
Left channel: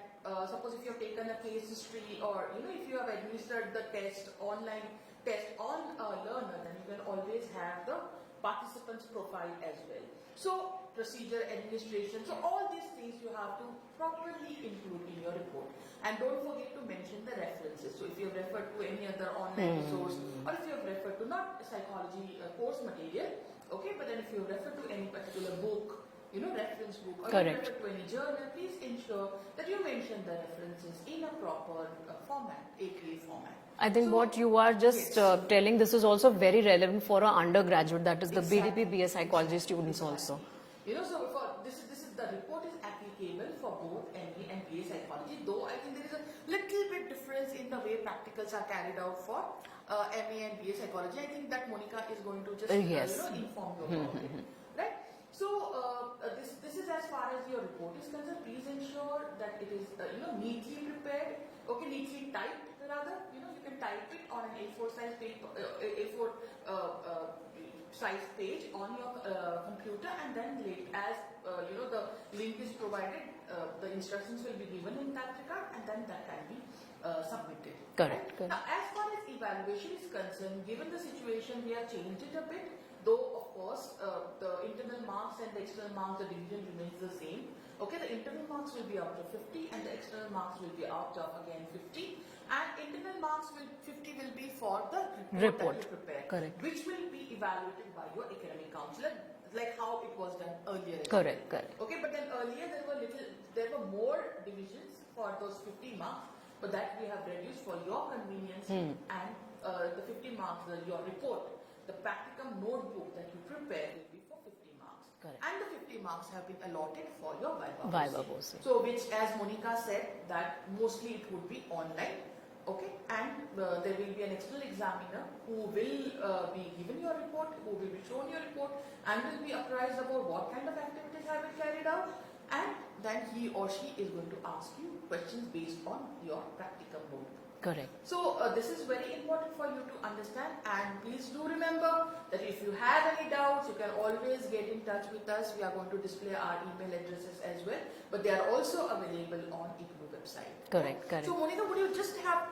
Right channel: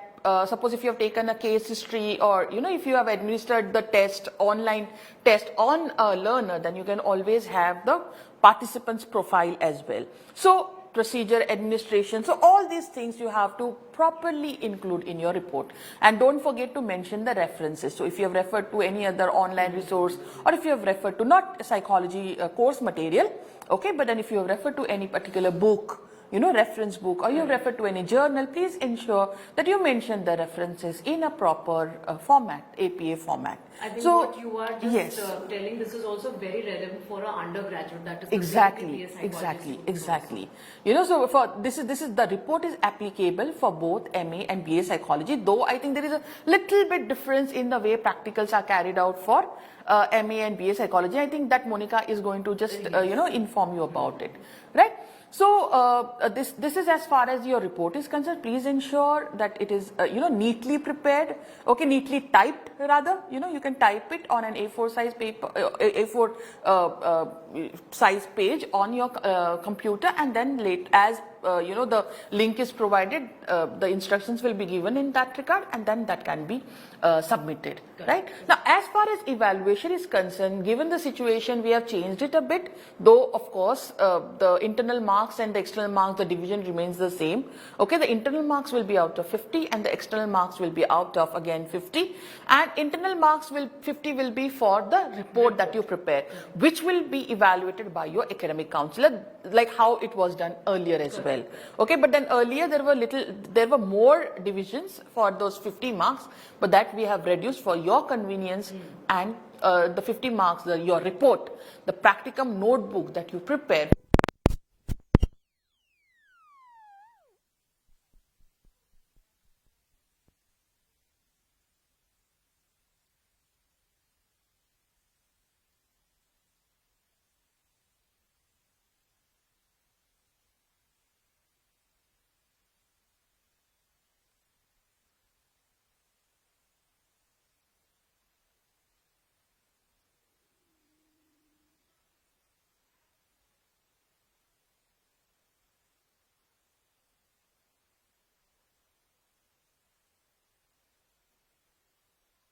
suppose if you have taken a case history, or if you have administered the test, online test on a learner, then you can always have the participant's profile as well. So procedure, administration, so all these things you have to properly include in your report. And don't forget to mention the references. So if you have referred to any other online resource, or if you have referred to not psychology course material, okay, but then if you have referred to any particular book, reference book, or you refer to any journal, please ensure that you mention the references in a proper format, APA format. I think what you are just telling, this is also very relevant for an undergraduate, that is the BDP-BA psychology students also. So for this is the report is applicable for both MA and BA psychology, though I think there is a little bit difference in the way practicals are carried out for MA and BA psychology. I think that Monika is going to just inform you about it, right? So this is as far as your report is concerned. Please ensure that it is neatly prepared, okay, neatly typed rather. You can type it on an A4 size paper, A4 size page on your computer, and then as the link is provided, the instructions will be given in that regard, and then that can be submitted. Right? Now, as far as evaluation is concerned, given the situation, we have changed it a bit, though of course the internal marks and the external marks, the division remains the same. Okay, the internal marks will be out of 50 and the external marks will be out of again 50, and internal marks 50 will be for the report that you prepare, which will be evaluated by your academic counselor, like how it was done earlier as well. Okay, but then earlier there were more divisions for those 50 marks, but that we have reduced for your convenience, and the 50 marks, your report, the practicum notebook that you prepare, and the 50 marks have been allotted for your Viva. So, which, as Monika said, that mostly it would be online. Okay, and there will be an external examiner who will be given your report, who will be shown your report, and will be apprised about what kind of activities have been carried out, and then he or she is going to ask you questions based on your practicum notebook. Correct. So this is very important for you to understand, and please do remember that if you have any doubts, you can always get in touch with us. We are going to display our email addresses as well, but they are also available on IGNOU website. Correct. So Monika, would you just have,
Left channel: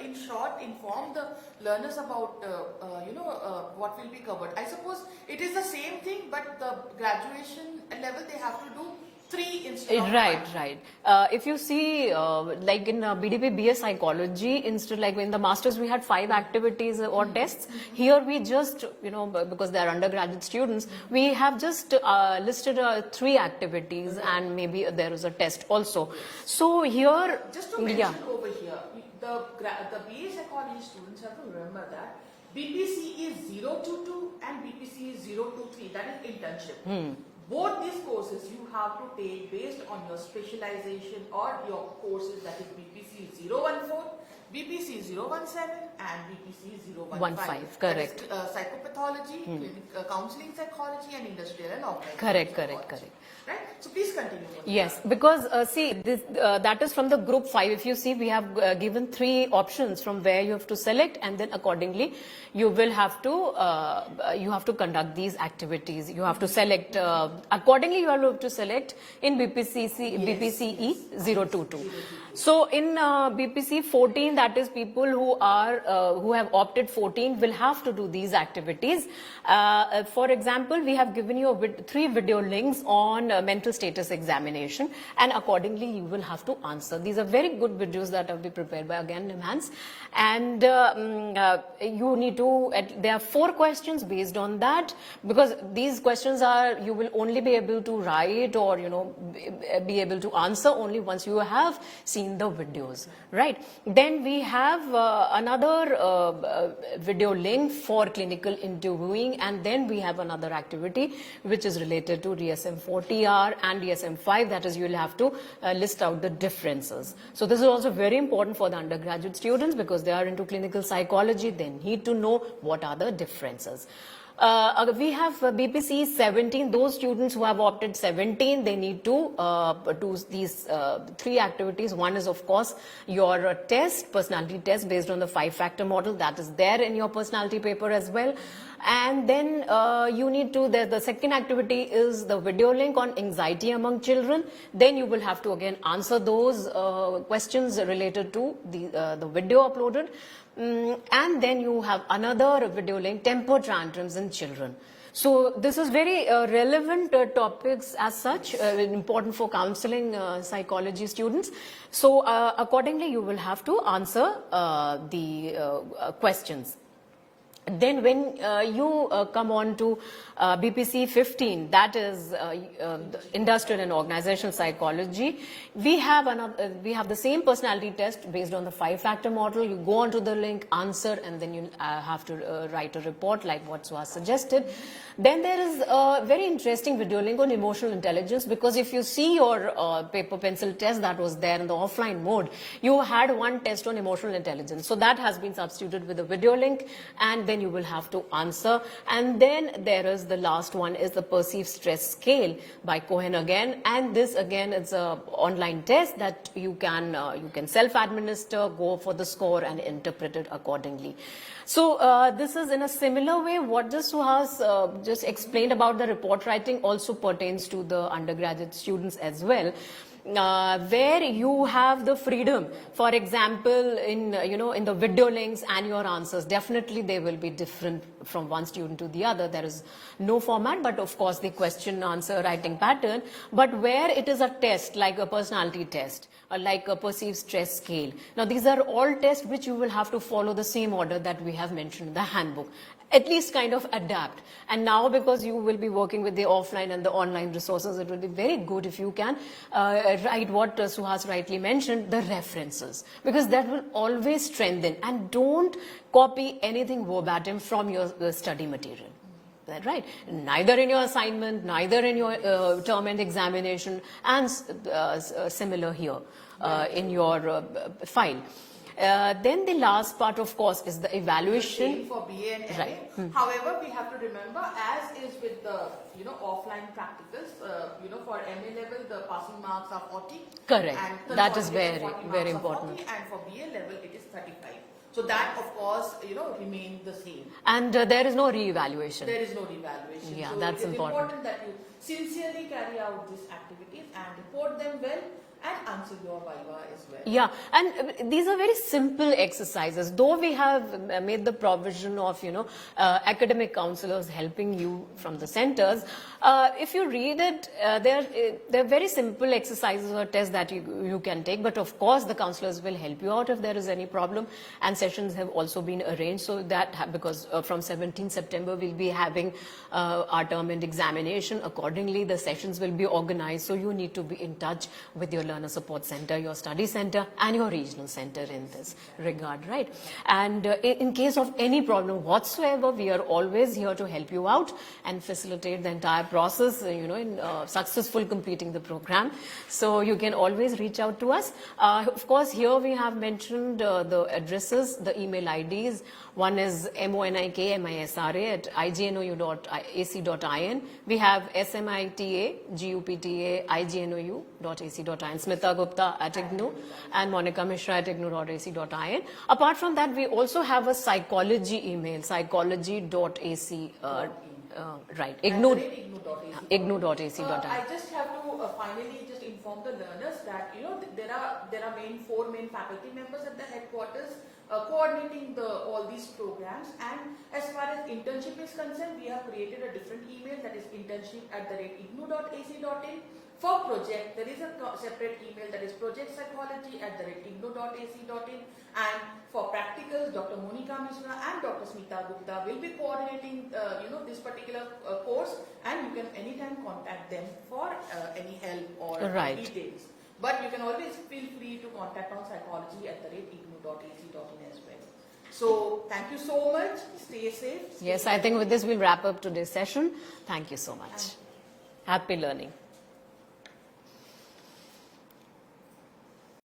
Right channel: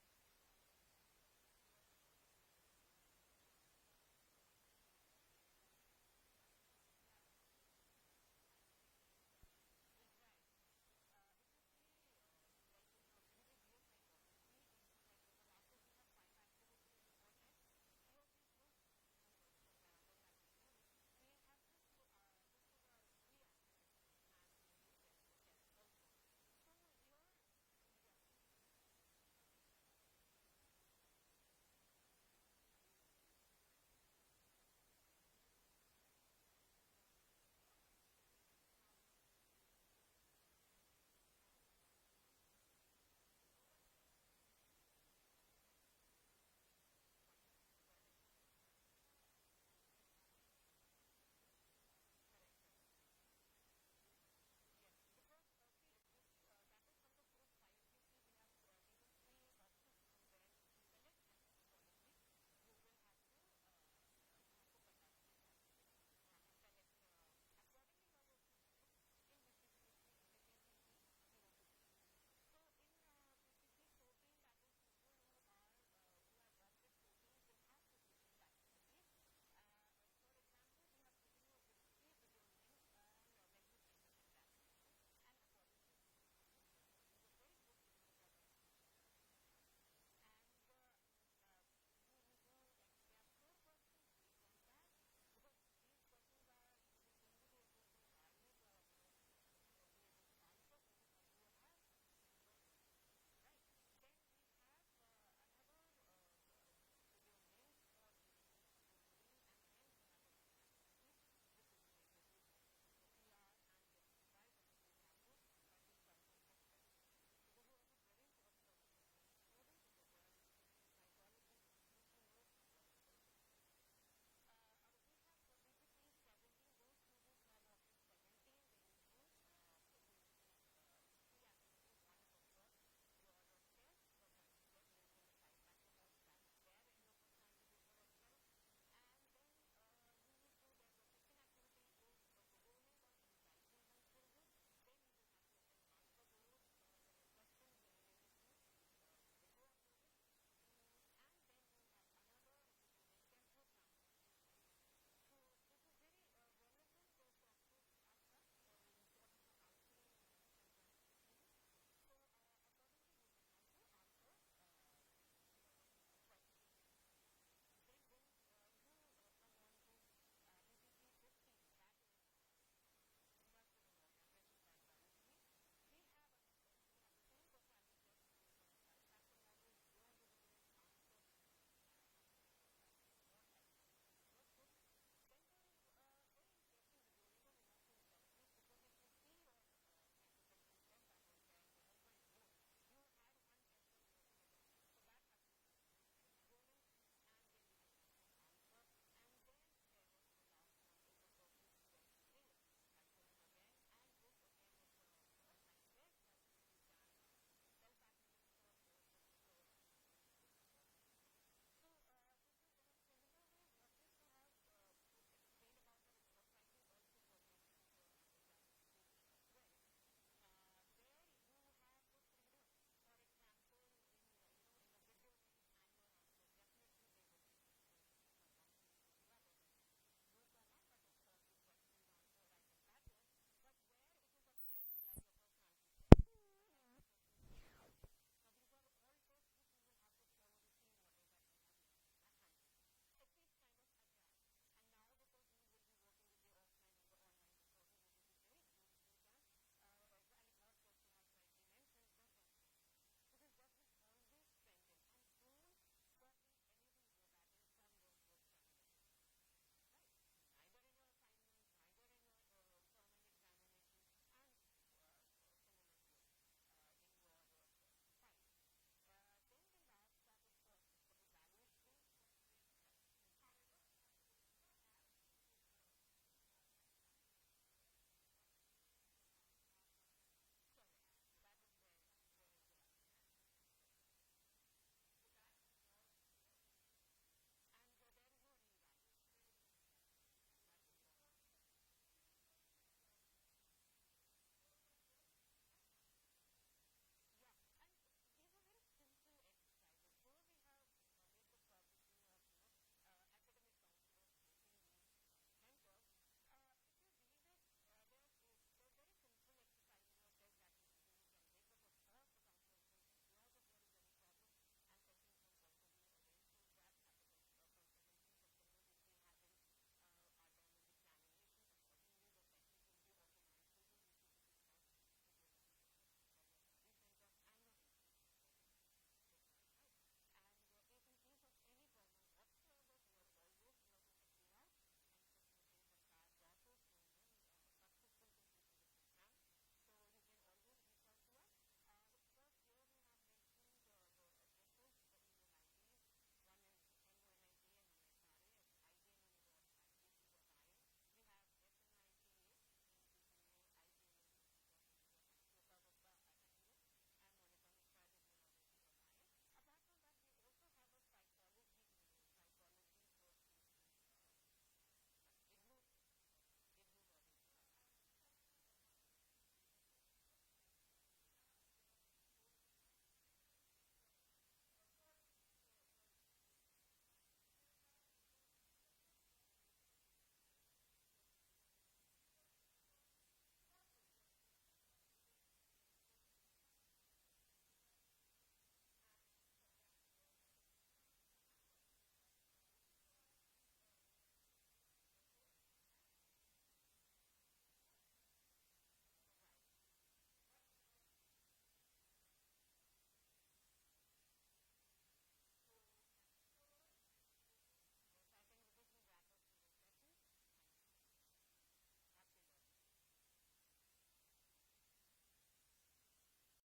in short, inform the learners about, what will be covered? I suppose it is the same thing, but the graduation level they have to do 3 instead of 5. Right. If you see, like in BDP-BA psychology, instead like in the masters we had 5 activities or tests. Here we just, because they are undergraduate students, we have just listed 3 activities and maybe there is a test also. So here, just to mention over here, the BA psychology students have to remember that BPC is 0 to 2 and BPC is 0 to 3. That is internship. Both these courses you have to take based on your specialization or your courses, that is BPC 014, BPC 017 and BPC 015. Correct. Psychopathology, counseling psychology and industrial and organizational Correct. Right? So please continue. Yes, because see, this, that is from the group 5. If you see, we have given 3 options from where you have to select, and then accordingly you will have to conduct these activities. You have to select accordingly. You have to select in BPCE 022. So in BPC 14, that is people who have opted 14 will have to do these activities. For example, we have given you 3 video links on mental status examination, and accordingly you will have to answer. These are very good videos that have been prepared by again Nimhans, and you need to. There are 4 questions based on that, because these questions are you will only be able to write or be able to answer only once you have seen the videos, right? Then we have another video link for clinical interviewing, and then we have another activity which is related to DSM-4TR and DSM-5, that is you will have to list out the differences. So this is also very important for the undergraduate students because they are into clinical psychology. They need to know what are the differences. We have BPC 17, those students who have opted 17, they need to do these 3 activities. One is of course your test, personality test based on the 5-factor model, that is there in your personality paper as well. And then you need to, the second activity is the video link on anxiety among children. Then you will have to again answer those questions related to the video uploaded. And then you have another video link, temper tantrums in children. So this is very relevant topics as such, important for counseling psychology students. So accordingly, you will have to answer the questions. Then when you come on to BPC 15, that is industrial and organizational psychology, we have the same personality test based on the 5-factor model. You go onto the link, answer, and then you have to write a report like what Suhas suggested. Then there is a very interesting video link on emotional intelligence, because if you see your paper pencil test that was there in the offline mode, you had one test on emotional intelligence. So that has been substituted with a video link, and then examine, you will have to answer. And then there is the last one is the perceived stress scale by Cohen again. And this again is a online test that you can self-administer, go for the score and interpret it accordingly. So this is in a similar way what just Suhas just explained about the report writing also pertains to the undergraduate students as well. Where you have the freedom, for example, in the video links and your answers, definitely they will be different from one student to the other. There is no format, but of course the question answer writing pattern. But where it is a test, like a personality test, or like a perceived stress scale. Now these are all tests which you will have to follow the same order that we have mentioned in the handbook. At least kind of adapt. And now because you will be working with the offline and the online resources, it will be very good if you can write what Suhas rightly mentioned, the references, because that will always strengthen. And don't copy anything verbatim from your study material. That right? Neither in your assignment, neither in your term and examination, and similar here in your file. Then the last part, of course, is the evaluation. For BA and MA. Right. However, we have to remember, as is with the offline practicals, for MA level, the passing marks are 40. Correct. And that is very, very important. 40, and for BA level, it is 35. So that, of course, remains the same. And there is no re-evaluation. There is no re-evaluation. Yeah, so that's it is important. That you sincerely carry out these activities and report them well and answer your viva as well. Yeah, and these are very simple exercises. Though we have made the provision of, academic counselors helping you from the centers, if you read it, they're very simple exercises or tests that you can take. But of course, the counselors will help you out if there is any problem. And sessions have also been arranged so that because from 17 September, we'll be having our term and examination. Accordingly, the sessions will be organized. So you need to be in touch with your learner support center, your study center, and your regional center in this regard, right? And in case of any problem whatsoever, we are always here to help you out and facilitate the entire process, in successful completing the program. So you can always reach out to us. Of course, here we have mentioned the addresses, the email IDs. One is monikmisra@ignou.ac.in. We have smita@igupta.ac.in, Smita Gupta at IGNOU, and Monika Misra at ignou.ac.in. Apart from that, we also have a psychology email, psychology.ac, right, ignou.ac.in. I just have to finally just inform the learners that there are four main faculty members at the headquarters coordinating all these programs. And as far as internship is concerned, we have created a different email, that is internship@ignou.ac.in. For project, there is a separate email, that is projectpsychology@ignou.ac.in. And for practicals, Dr. Monika Misra and Dr. Smita Gupta will be coordinating this particular course, and you can anytime contact them for any help or details. But you can always feel free to contact on psychology@ignou.ac.in as well. So thank you so much. Stay safe. Yes, I think with this we'll wrap up today's session. Thank you so much. Happy learning.